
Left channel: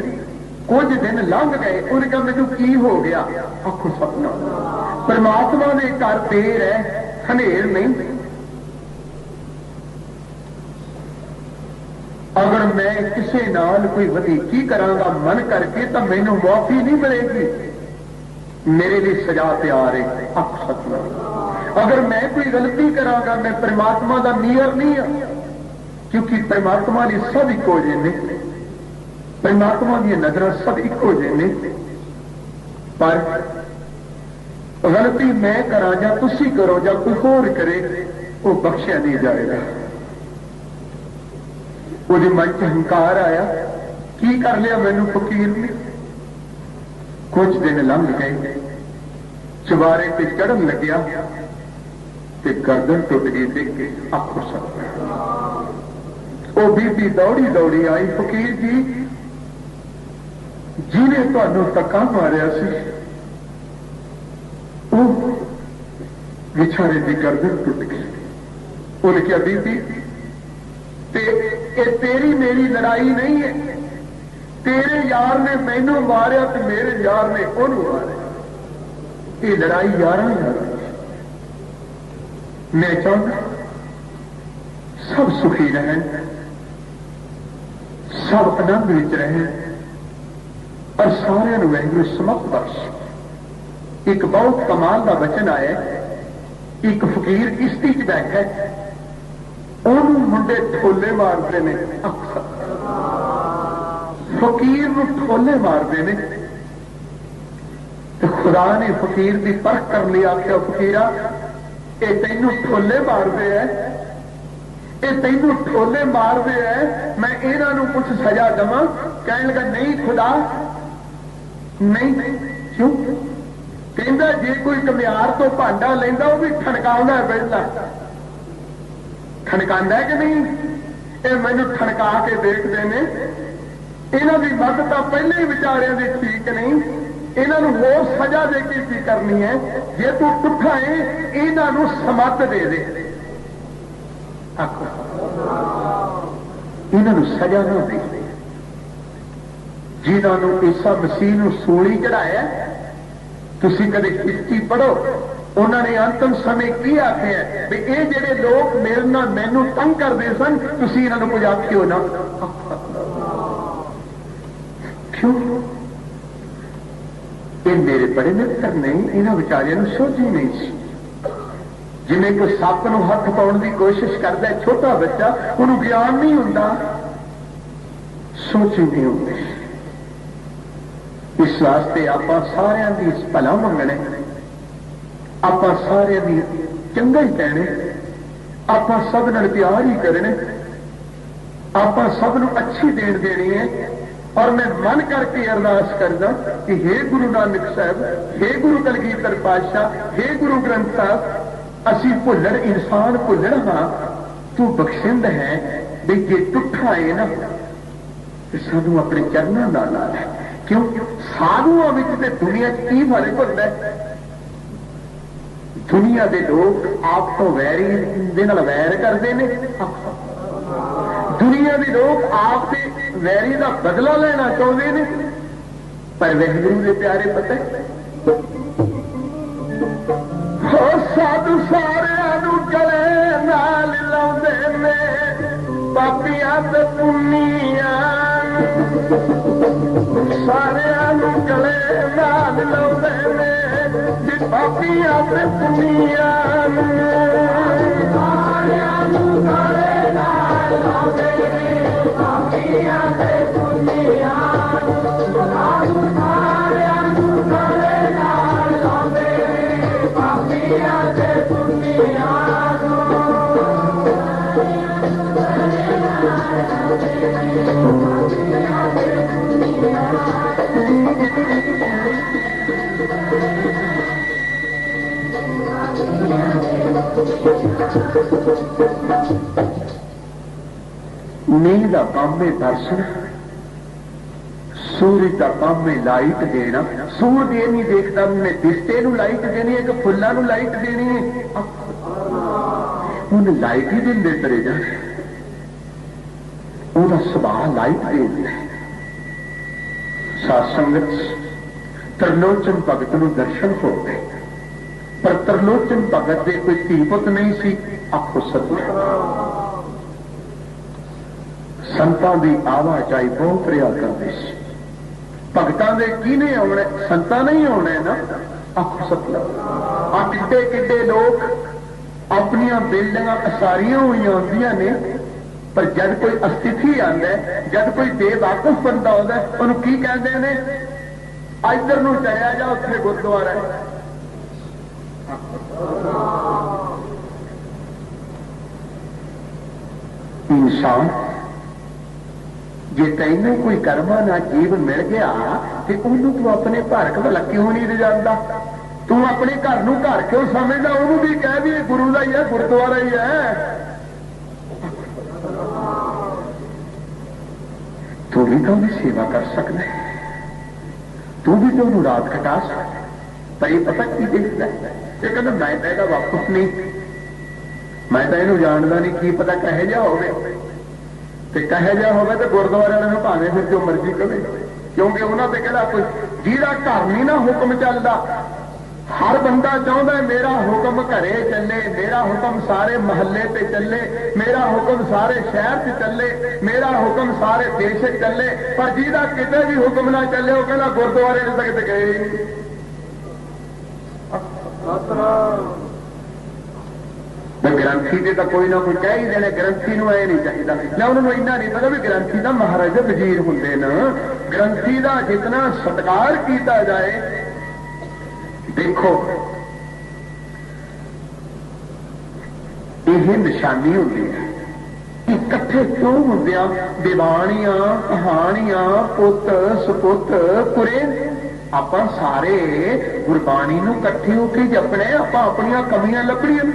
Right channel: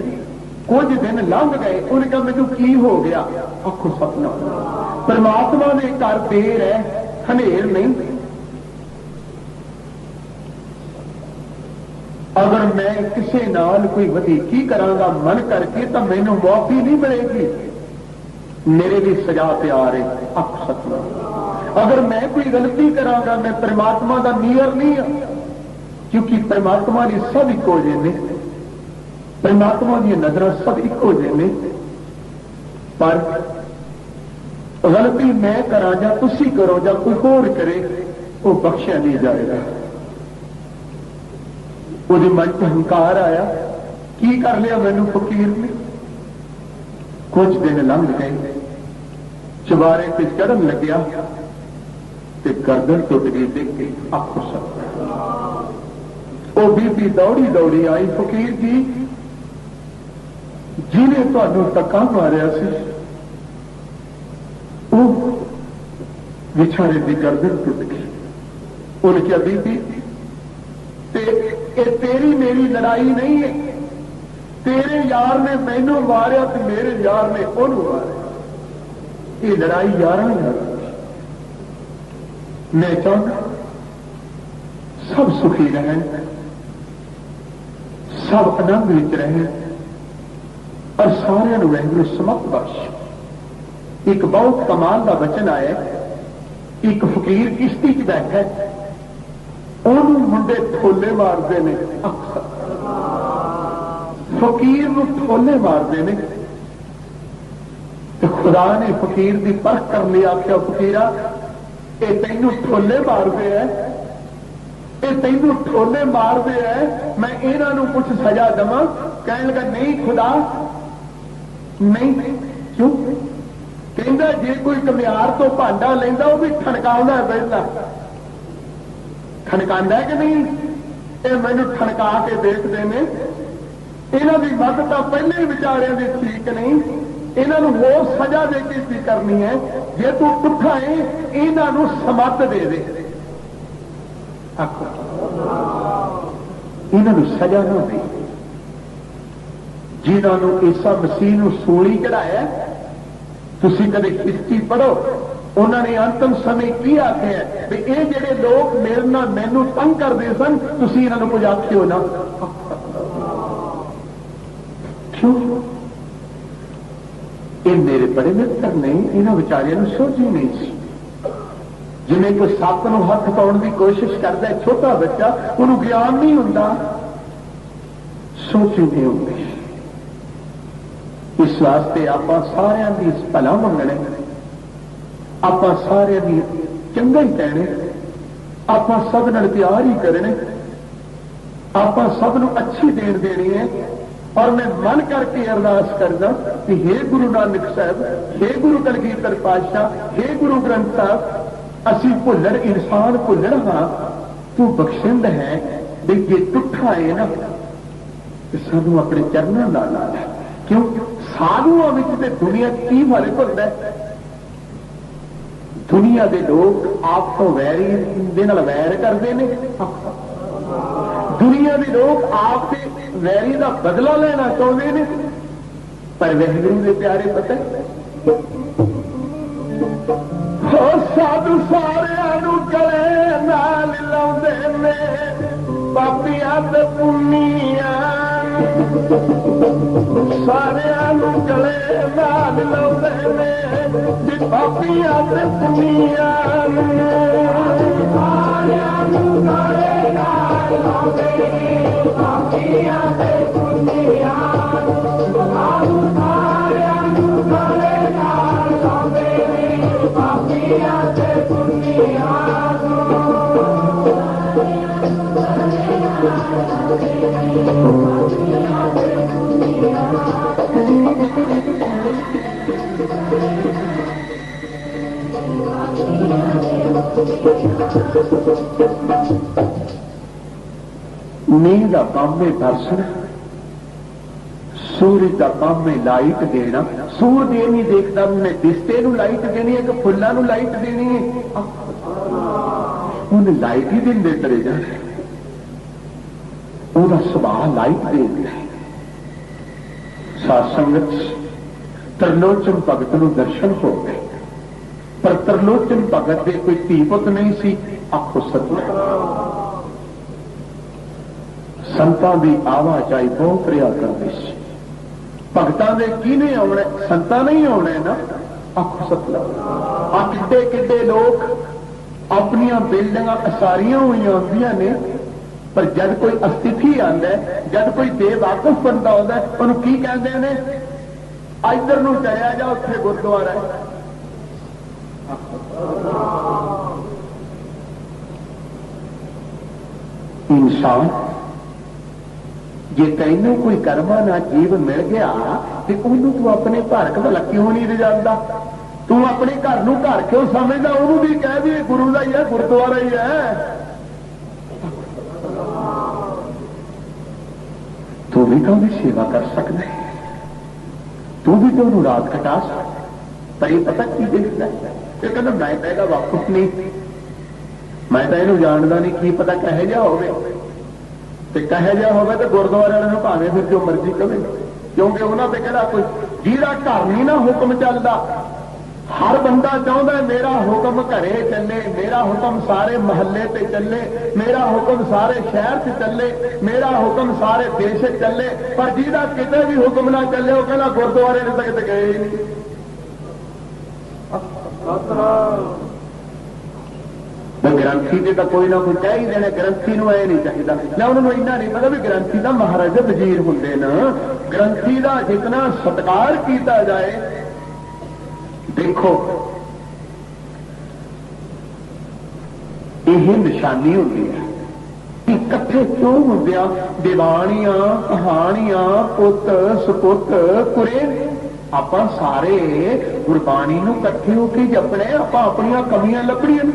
कुछ दिन लंघ गए, उन्हें कहा मैनूं की हो गया, आखो सपना, परमात्मा ने घर देर है, हनेर नहीं। अगर मैं किसी नाल कोई वधीकी करांगा मन करके तो मैनू माफी नहीं मिलेगी, मेरे लिए सजा तैयार है, अख सतनाम। अगर मैं कोई गलती करांगा मैं परमात्मा का नीयर नहीं है, क्योंकि परमात्मा ने सब इको जे ने, परमात्मा दी नजर सब इको जे ने। पर गलती मैं करा या तुसी करो या कोई होर करे, वो बख्शिया नहीं जाएगा। ਉਹਦੇ मन च हंकार आया, की कर लिया मैनू फकीर ने। कुछ दिन लंघ गए, चवारे ते चढ़न लग्या ते गर्दन टुट गई, देख के आखो सब। वो बीबी दौड़ी दौड़ी आई, फकीर जी जिन्हें तुहानू धक्का मारिया सी बेचारे की गर्दन टुट गई। उन्हें क्या बीबी तेरी मेरी लड़ाई नहीं है, तेरे यार ने मैनू मारिया तो मेरे यार ने ओनू मारिया, ये लड़ाई यारां यार। मैं चाहता सब सुखी रहें, सब आनंद विच रहें और सारे वाहिगुरू समत बख्श। एक बहुत कमाल का वचन आया, एक फकीर किश्ती च बैठा है, ਉਹਨੂੰ ਮੁੰਡੇ ਠੋਲੇ ਮਾਰਦੇ ਨੇ, फकीर ਨੂੰ ठोले मारते ने। तो खुदा ने फकीर की परख कर लिया, आख्या फकीरा ये तेनू ठोले मारते हैं, ये तेनू ठोले मारते हैं, मैं इन्हों कुछ सजा देवां? कहने लगा नहीं खुदा नहीं। क्यों? कहता जे कोई कमियार तो भांडा लेंदा वो भी ठनकाउंदा है, पहला ठनकांदा है कि नहीं? ये मैनू ठनका के देखते हैं, इन्हों की मत तो पहले ही विचारिया की ठीक नहीं, इन्हों होर सजा दे के की करनी है, जे तू पुठा है इन्हों समत दे दे, इन्हों सजा ना दे। जिन्होंने ईसा मसीह नूं सूली चढ़ाया, तुसीं कदे हिस्ट्री पढ़ो, उन्होंने अंतिम समय की आख्या भी ये जेडे लोग मेरे नाल मैनू तंग करते सन, तुसीं इन्हों कुछ आखियो ना। क्यों? ये मेरे बड़े मित्र नहीं, इन्होंने बेचारियों को सोच ही नहीं सी। जिन्हें कोई सप नूं हथ पाउण की कोशिश करता है, छोटा बच्चा, उन्होंने ज्ञान नहीं हुंदा, सोच नहीं होंगे। इस वास्ते आपां सारियां दी भला मंगणे, आपां सारियां दी चंगा ही कहने, आपां सब नाल प्यार ही करने, आपां सब नूं अच्छी देन देनी है। और मैं मन करके अरदास करदा कि हे गुरु नानक साहब, हे गुरु कलगीधर पातशाह, हे गुरु ग्रंथ साहब, असी भुल्लड़ इंसान भुल्लड़ हाँ, तू बख्शिंद है भी जे टुठा है ना सानू अपने चरणों नाल ला लै। क्यों? साधुओं में दुनिया की फर्क होता है? दुनिया के लोग आप तो वैरी दे नाल वैर करते हैं, दुनिया के लोग आप से वैरी का बदला लेना चाहते हैं, पर वाहिगुरू के प्यारे पता साधु सारे गले नाल लाउंदे ने पापियां ते पुनिया, सारे गले नाल लाउंदे ने जे पापियां ते पुनिया, पापियां ते पुनिया, नींद का काम है दर्शन, सूरज का काम है लाइट देना। सूरज ये नहीं देखता मैं दिसते नू लाइट देनी है कि फुल्लां नू लाइट देनी है, उन्हें लाइट ही देंदे चले जाने, उनका सुभाव लाइट देता है। सत्संग त्रिलोचन भगत नू दर्शन हो गए, पर त्रिलोचन भगत के कोई धी पुत नहीं सी। आखो सतनाम, संतां दी आवाजाई बहुत रिया करते सी, भगतां दे किने आउणे, संतां नहीं आउणे ना। आखो सतनाम, आ किड्डे किड्डे लोग अपनी बिल्डिंग असारियां हुई आंदियां ने, पर जब कोई अस्तिथि आंदा है, जब कोई बेवाकुफ बंदा आंदा है, उन्होंने की कहते हैं, इधर नूं चलिया जा, उत्थे गुरुद्वारा है। इंसान जे तैनू कोई कर्मा ना जीव मिल गया कि उन्होंने तू अपने घर भला क्यों नहीं रजांदा, तू अपने घर नूं घर क्यों समझदा, उन्होंने भी कह दी गुरु का ही है, गुरुद्वारा ही है। तू भी तो उन्हें सेवा कर सकता है, तू भी तो उन्होंने रात कटा सकता, पर ये पता की देखना ये कहना मैं तो यह वापस नहीं, मैं तो यू जानता नहीं, की पता कहे जा हो, कहे जा हो तो गुरुद्वारे वाले भावे फिर जो मर्जी कहे, क्योंकि उन्होंने कहना कोई जिहड़ा घर नहीं ना हुक्म चलता, हर बंदा चाहता है मेरा हुक्म घरे चले, मेरा हुक्म सारे महल्ले पे चले, मेरा हुक्म सारे शहर से चले, मेरा हुक्म सारे देश चले, पर जिहदा किते भी हुक्म ना चले वो कहना गुरुद्वारे तक गए ही नहीं। ग्रंथी से तो कोई ना कोई कह ही देना, ग्रंथी नूं ऐ नहीं चाहिए ना, उन्होंने इन्ना नहीं पता भी ग्रंथी का महाराजा वजीर होंदे ना, ग्रंथी का जितना सत्कार किया जाए। देखो यह निशानी होती है, इकट्ठे क्यों होंदे, दीवानियां कहानियां पुत सपुत पुरे, आप सारे गुरबाणी नूं इकट्ठे होकर जपने, आप अपनियां कमियां लभणियां,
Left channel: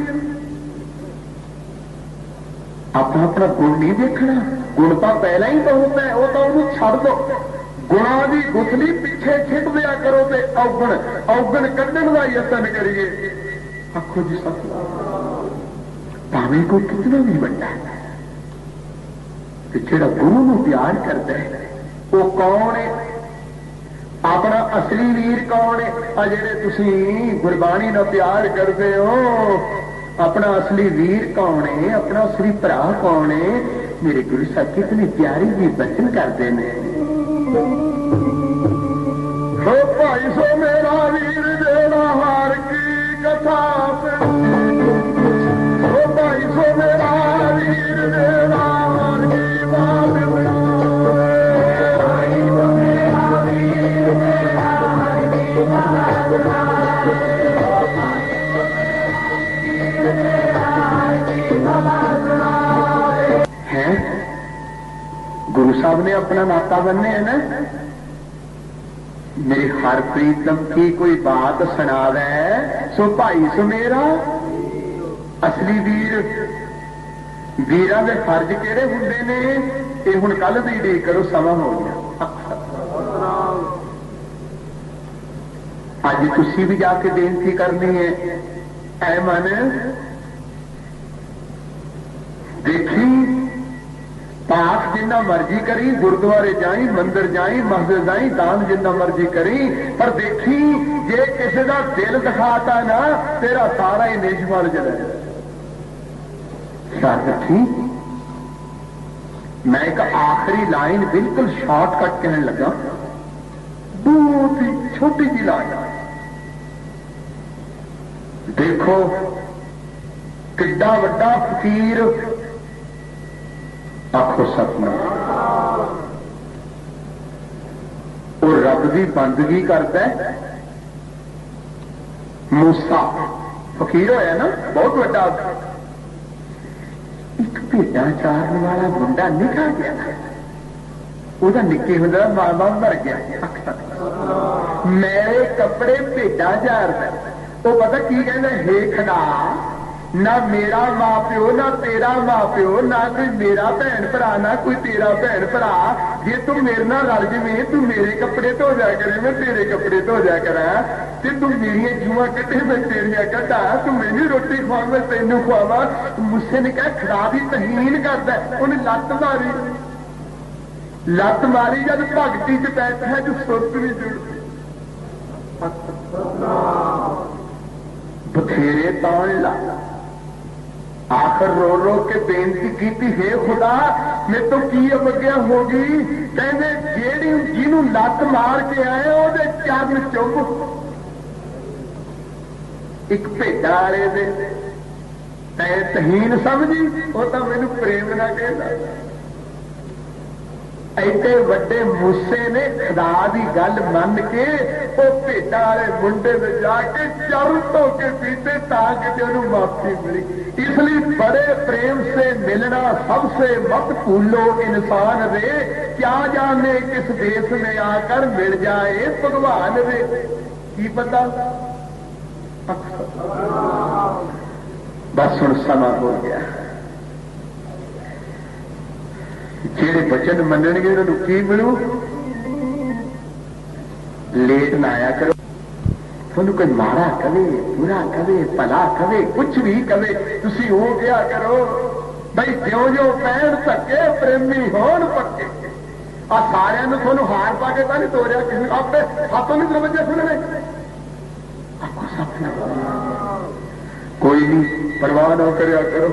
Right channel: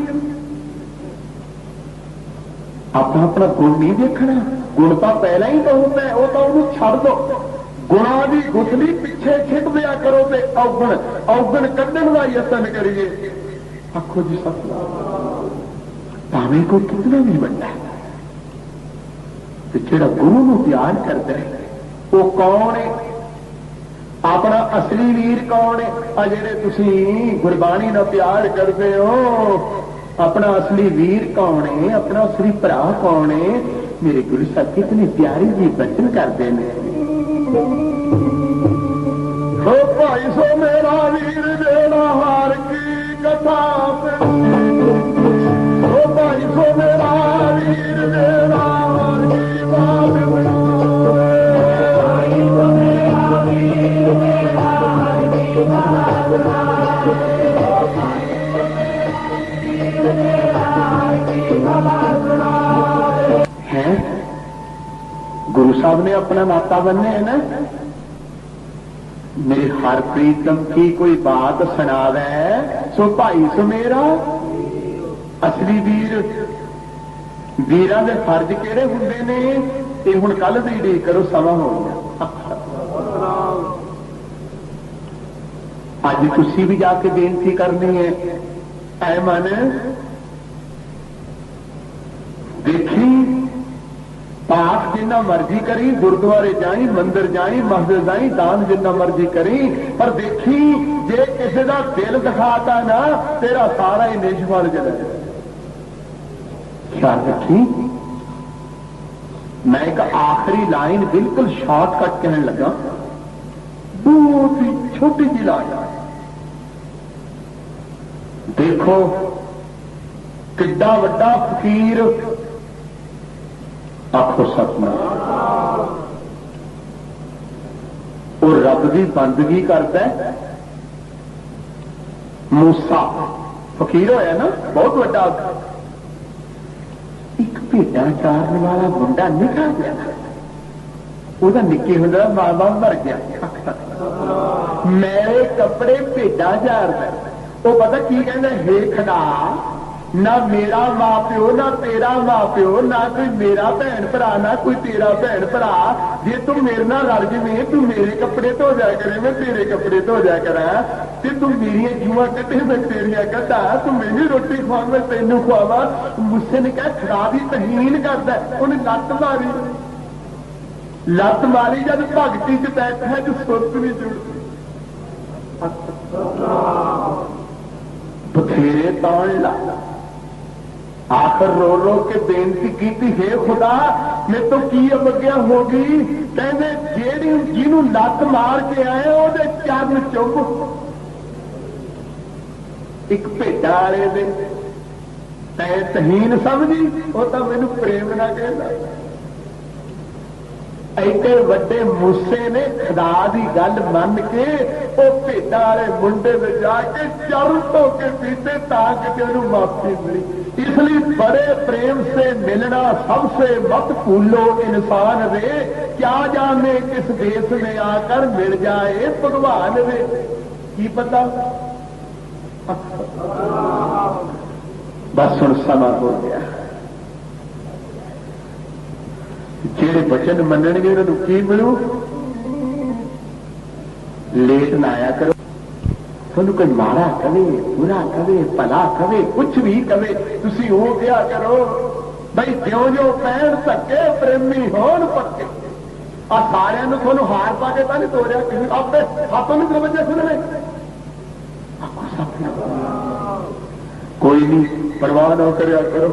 आप अपना गुण नहीं देखना, गुण तो पहला ही तो होता है, वो तो उन्होंने छड़ दो, गुणा की गुथली पिछे खिंच दिया करो, तो अवगुण अवगुण कढ़न का यतन करिए। आखो जी सतनाम, भावें कोई कितना भी बड़ा है, तो जो गुरु को प्यार करता है वो कौन है, अपना असली वीर कौन है, आ जेड़े तुसीं गुरबाणी नाल प्यार करते हो, अपना असली वीर कौन है, अपना असली भरा कौन है। मेरे गुरु साहब कितने प्यारे जी बचन करते हैं, हो भाई सो मेरा वीर देना हार की कथा, हो भाई सो मेरा वीर देना हार की बात, भाई सो मेरा वीर देना हार की बात, है गुरु साहब ने अपना नाता बनने है ना। मेरी हर प्रीतम की कोई बात सुनावे, सो भाई सो मेरा असली वीर, वीरां दे फर्ज किहड़े हुंदे ने, ये हुण कल दी उਡੀक करो, समा हो गया। अज तुसीं भी जाके बेनती करनी है, ऐ मन देखी पाठ जिन्ना मर्जी करी, गुरुद्वारे जाई, मंदिर जाई, मस्जिद जाई, दान जिन्ना मर्जी करी, पर देखी जे किसी का दिल दिखाता ना तेरा सारा ही निष्फल चले। ख्याल रखी। मैं एक आखिरी लाइन बिल्कुल शॉर्टकट कहने लगा, बहुत ही छोटी जी लाइन। देखो किड्डा वड्डा फकीर, आखो सपना वो रब की बंदगी करता है। मूसा फकीर होया ना, बहुत बड़ा। एक भेड़ा चारन वाला मुंडा निकल गया, वह निके होंदा मां बाप मर गया। मेरे कपड़े भेड़ा चारदा, वो पता की कहना, हे खड़ा ना मेरा मां प्यो ना तेरा मां प्यो, ना कोई मेरा भैन भरा ना कोई तेरा भैन भरा। जे तू मेरे नाल लड़ जावे, तू मेरे कपड़े धो जाया करे, मैं तेरे कपड़े धो जाया करा। ते तू मेरिया जुआ कटे, मैं तेरिया कटा। तू मैनू रोटी खवा, मैं तेनू खवावा। मूसे ने कहा खराब ही तहीन करता, उन्हें लत मारी। लत मारी जब भगती च बैठा जो सुरत भी जुड़ती। बथेरे तौण ला, आखिर रो रो के बेनती की, हे खुदा मैं तो की अवज्ञा होगी। कहते जेड़ी जिन्हों लत मार के आए ओदे चरण चुप। एक भेड़ा वाले दे तै तहीन समझी, वो तो मैनू प्रेम ना कहना। ऐसे वड्डे मूसे ने खुदा की गल मन के वो भेड़ा वाले मुंडे में जाके चरण धो के पीते ताकि उन्हें माफी मिली। इसलिए बड़े प्रेम से मिलना सबसे मत भूलो इंसान रे, क्या जाने किस देश में आकर मिल जाए भगवान रे। की पता बस हुण समा हो गया। जेड़े वचन मनणगे उन्होंने की मिलू। लेट ना आया करो, थोनू कोई माड़ा कवे, बुरा कवे, भला कवे, कुछ भी कवे, तुसी हो गया करो बई ज्यों ज्यों पैण धक्के प्रेमी होण पक्के। आ सारिਆਂ ਨੂੰ थोनू हार पा के नहीं तोड़िया, किसी आपने हाथों में दरवाजा सुनने कोई नहीं, परवाह न करया करो,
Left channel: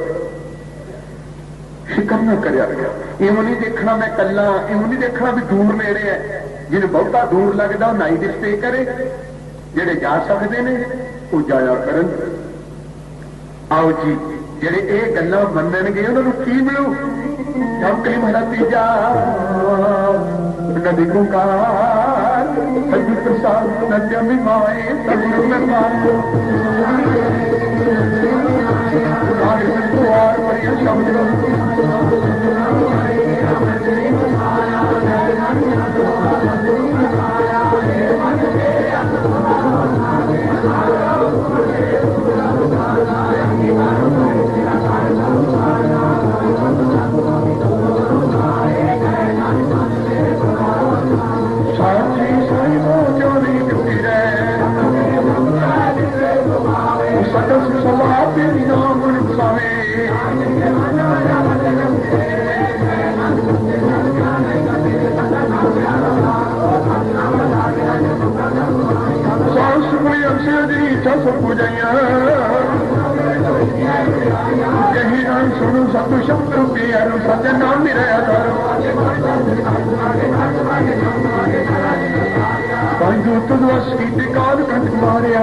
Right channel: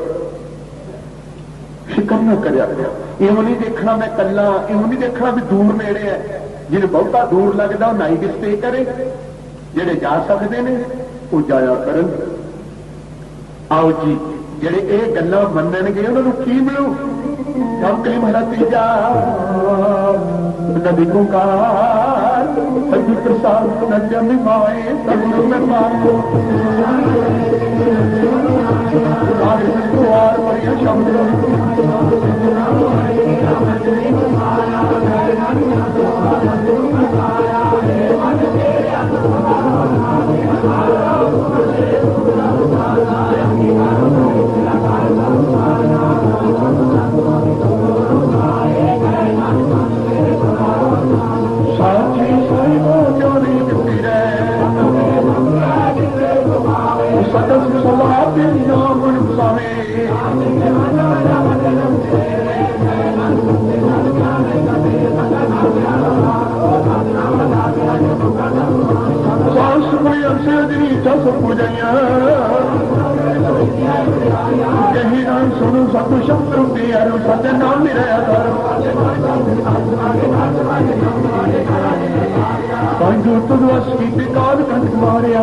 फिक्र न करया करो। इहो नहीं देखना मैं कला, इहो नहीं देखना भी दूर नेड़े है। जिन्हें बहुता दूर लगता वो नाइट स्टे करे, जेड़े जा सकते ने वो जाया करन। आओ जी जेड़े ये गल्लां मनणगे उन्होंने की मिलू। चौकली मेरा तीजा नदी गुकार सभी प्रसाद नजमी माए सगुरु में मारो बड़ी शब्द कहीं नाम सुनो सब शब्द सज्जन नाम भी रहा दुर्दवश की काल कंठ मारिया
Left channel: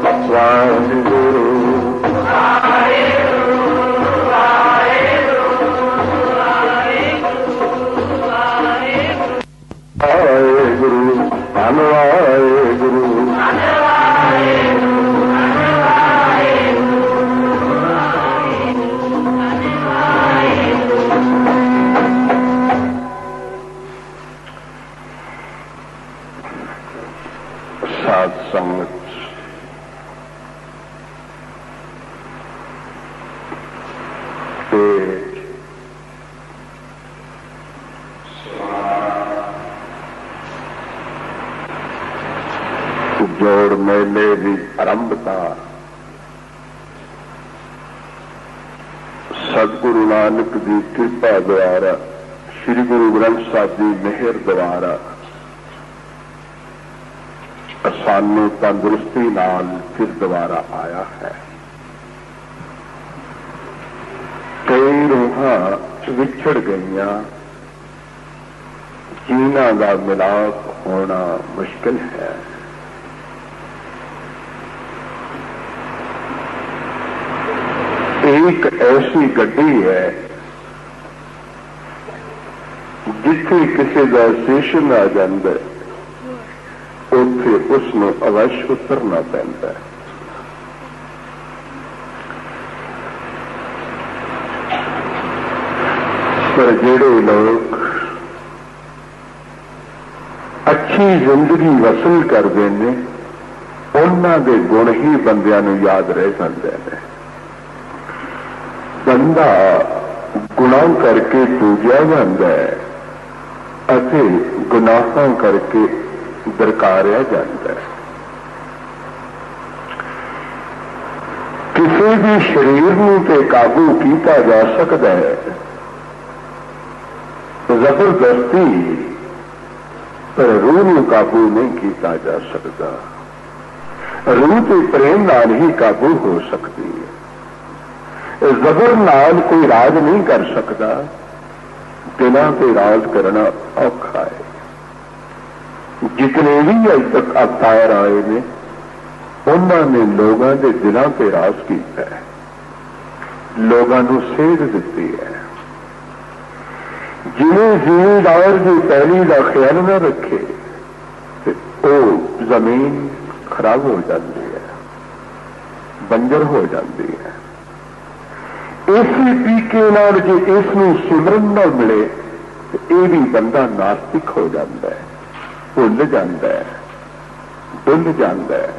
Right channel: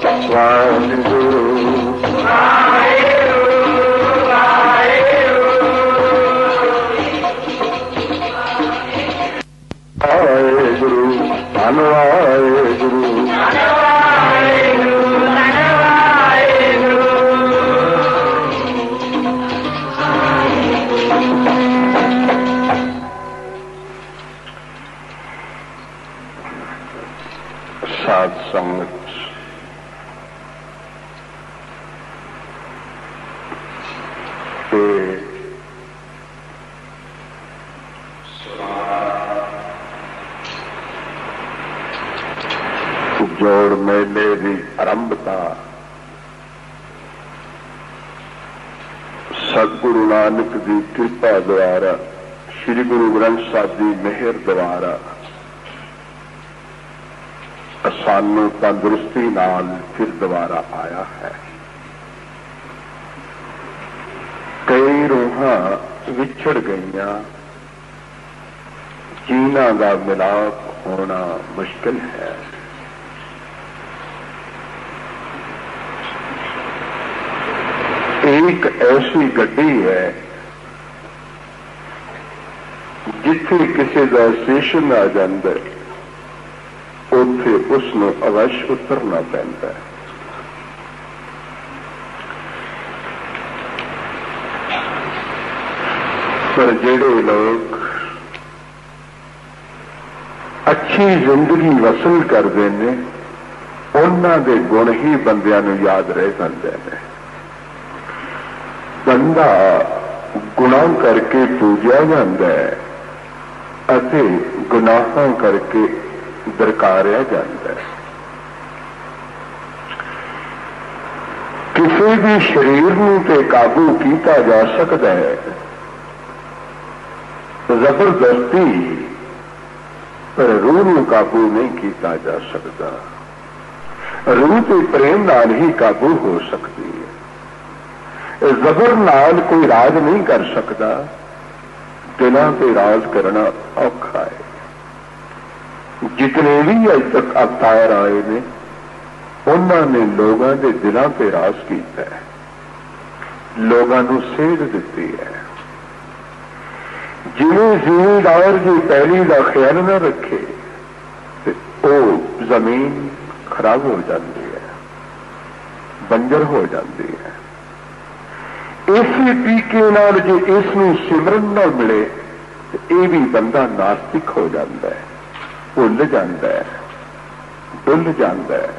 वाहेगुरु साध संगत जोड़ मेले की आरंभता सतगुरु नानक की कृपा द्वारा श्री गुरु ग्रंथ साहब की मेहर द्वारा सानू तंदुरुस्ती नाल फिर दोबारा आया है। कई रूहां विछड़ गईयां, जिन्हां दा मिलाप होना मुश्किल है। एक ऐसी गड्डी है जिथे किसी का स्टेशन आ जाता है, उत्थे उसनू अवश्य उतरना पैंदा है। पर जेड़े लोग अच्छी जिंदगी वसूल करते हैं, उन्हां दे गुण ही बंदियां नू याद रह जाते हैं। बंदा गुनाह करके पूजा जाता है अते गुनाहां करके दरकारिया जाता है। किसी भी शरीर नूं ते काबू किया जा सकता है, जबरदस्ती, पर रूह नूं काबू नहीं किया जा सकता। रूह ते प्रेम नाल ही काबू हो सकती है। जबर नाल कोई राज नहीं कर सकता, दिलां ते राज करना औखा है। जितने भी अज तक अवतार आए ने, उन्होंने लोगों के दिलों से राज किया है, लोगों को सेध दी है। जिन्हें जिमीदार की पैली का ख्याल न रखे तो जमीन खराब हो जाती है, बंजर हो जाती है। इसी तरीके नाल जे इसनूं सिमरन न मिले तो यह भी बंदा नास्तिक हो जाता है, भुल जाता है, डुल जाता है,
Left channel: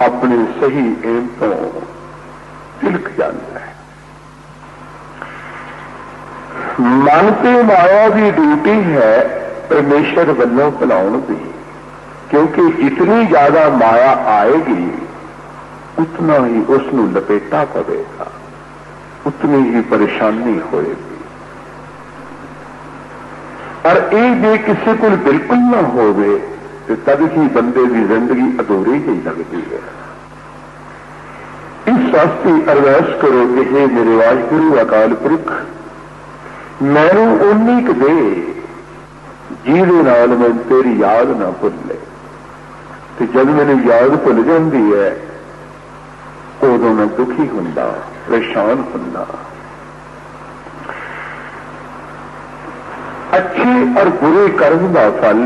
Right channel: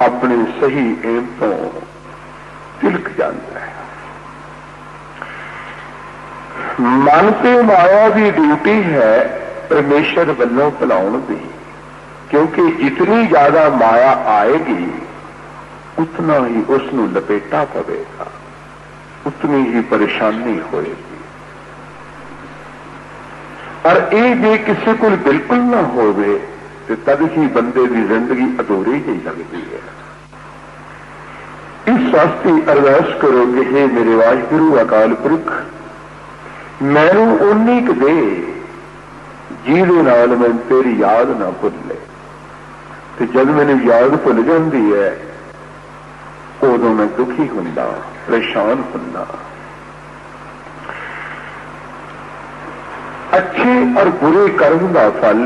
अपनी सही एम तो तिलक जाता है। मन ते माया की ड्यूटी है परमेश्वर वल्लों भुलाउण दी, क्योंकि जितनी ज्यादा माया आएगी उतना ही उसनूं लपेटा पवेगा, उतनी ही परेशानी होएगी। और ये जे किसी को बिल्कुल ना होवे तो तद ही बंदे की जिंदगी अधूरी ही लगती है। इस वास्ते अरदास करो कि हे मेरे वाहिगुरु अकाल पुरख, मैनू उन्नी क दे जिहदे नाल मैं तेरी याद ना भुले। तो जब मैंने याद भुल जाती है उदों मैं दुखी हुंदा, परेशान हुंदा। अच्छे और बुरे कर्म का फल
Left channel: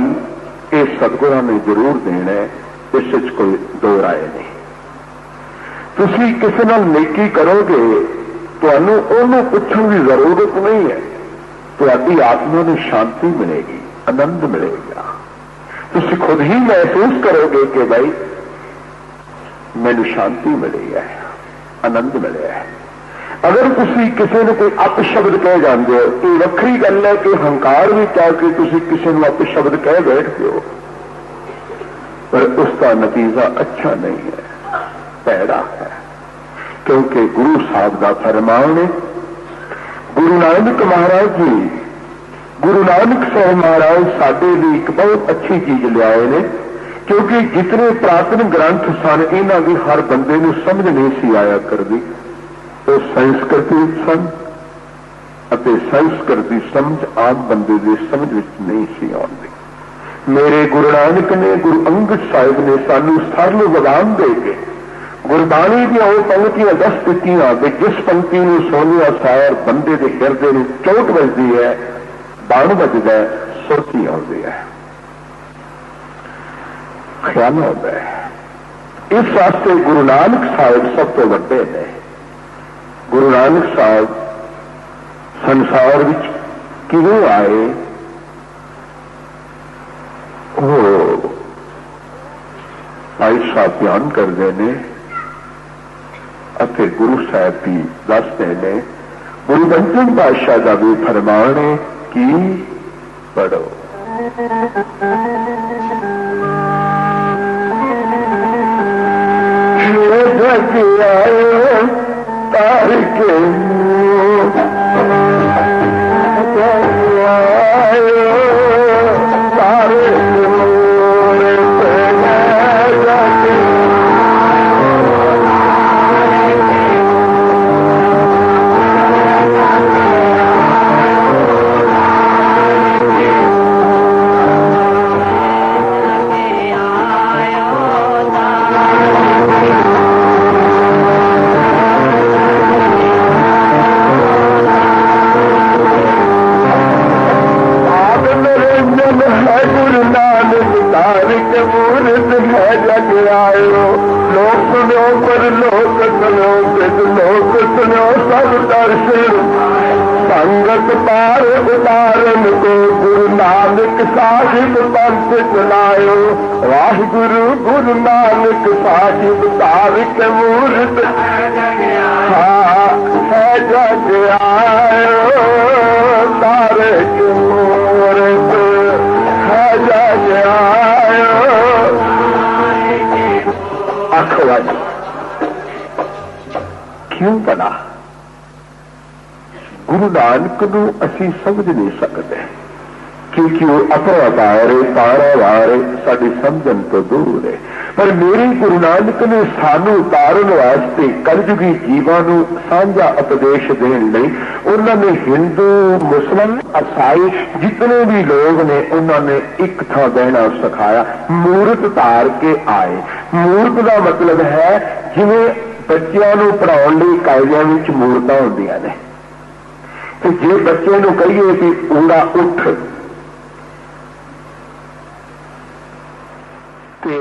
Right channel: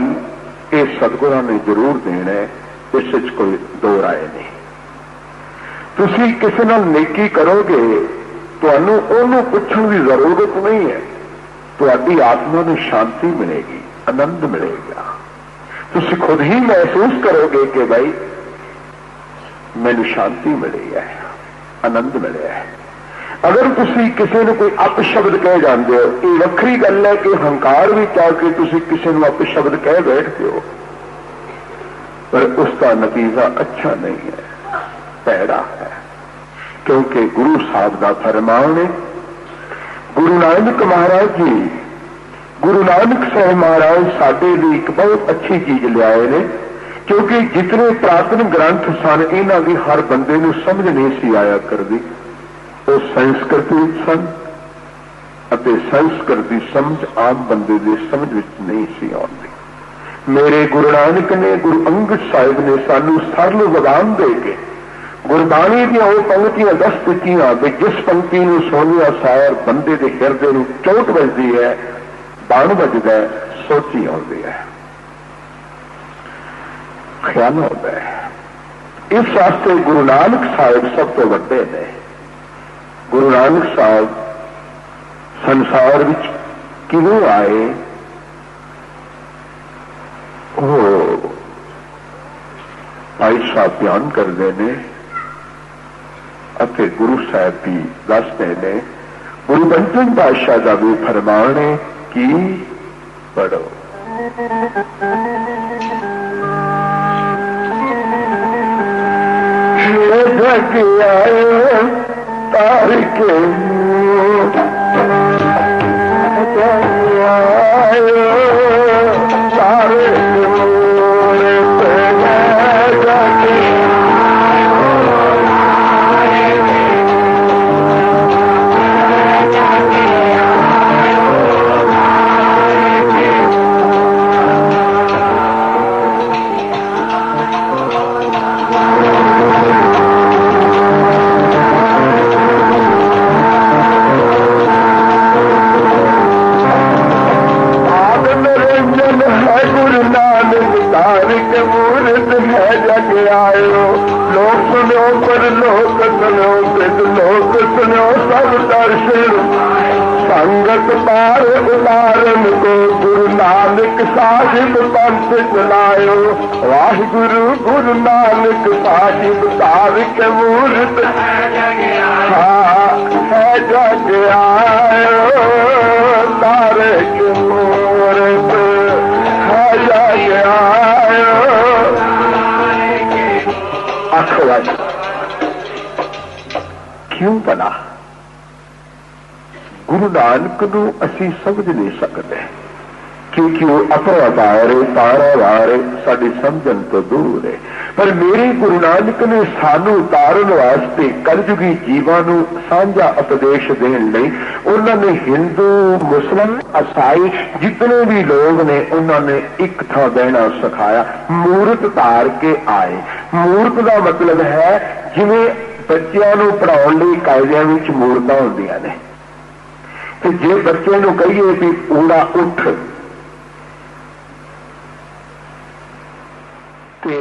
ये सतगुरां ने जरूर देना है, इस कोई दो राय नहीं। तुसी किसी नाल नेकी करोगे, तुहानूं ओहनूं पुछण की जरूरत नहीं है, तुहाडी आत्मा नूं शांति मिलेगी, आनंद मिलेगा। तुसी खुद ही महसूस करोगे कि भाई मैनूं शांति मिली है, आनंद मिले है। अगर तुसी किसी ने कोई अपशब्द कह जाते हो, ये वक्री गल है कि हंकार भी आके तुसी किसी को अपशब्द कह बैठते हो, पर उसका नतीजा अच्छा नहीं है, पैड़ा है। क्योंकि गुरु साहब का फरमान है, गुरु नानक महाराज जी, गुरु नानक साहब महाराज साडे लिए एक बहुत अच्छी चीज लियाए ने, क्योंकि जितने पुरातन ग्रंथ सन इन्हां दी हर बंदे नूं समझ नहीं सी आया करदी। वो संस्कृति सन अते संस्कृत की समझ आम बंदे की समझ विच नहीं सी आउंदी। मेरे गुरु नानक ने, गुरु अंगद साहिब ने सानू सरल जबान दे के गुरबाणी दी वो पंक्तियां दस दित्तियां कि जिस पंक्ति नूं सुणिया सार बंदे के हिरदे नूं चोट वजदी है, बण वजदा है, सोची आउंदी है। ख्याल होता है। इस वास्ते गुरु नानक साहब सब तो वड्डे ने। गुरु नानक साहब संसार विच किवें आए, वो भाई साहब बयान करते हैं अते गुरु साहब भी दसते ने। गुरु बंजन बादशाह का भी फरमान है कि पढ़ो। जग आयो तारिक आयो तारे संगत पार उतारन को गुरु नानक साहिब पंथ चलायो। वाहिगुरु गुरु नानक साहिब तारिक मूरत है जग आयो। तारिक मूरत है जग आयो। अखवाज क्यों बना? गुरु नानक नूं असीं समझ नहीं सकते क्योंकि वो अपराधार है, पारावार है, साडी समझण तो दूर है। पर मेरे गुरु नानक ने सानू उतारन वास्ते कलयुगी जीवां नूं सांझा उपदेश देण लई उन्होंने हिंदू मुस्लिम ईसाई जितने भी लोग ने उन्होंने एक थां बहना सिखाया। मूर्त धार के आए। मूर्त का मतलब है जिवें बच्चों नूं पढ़ाउण लई कायदियां विच मूर्तां हुंदियां ने। तो जे बच्चे नूं कहिए कि ऊड़ा उठ ते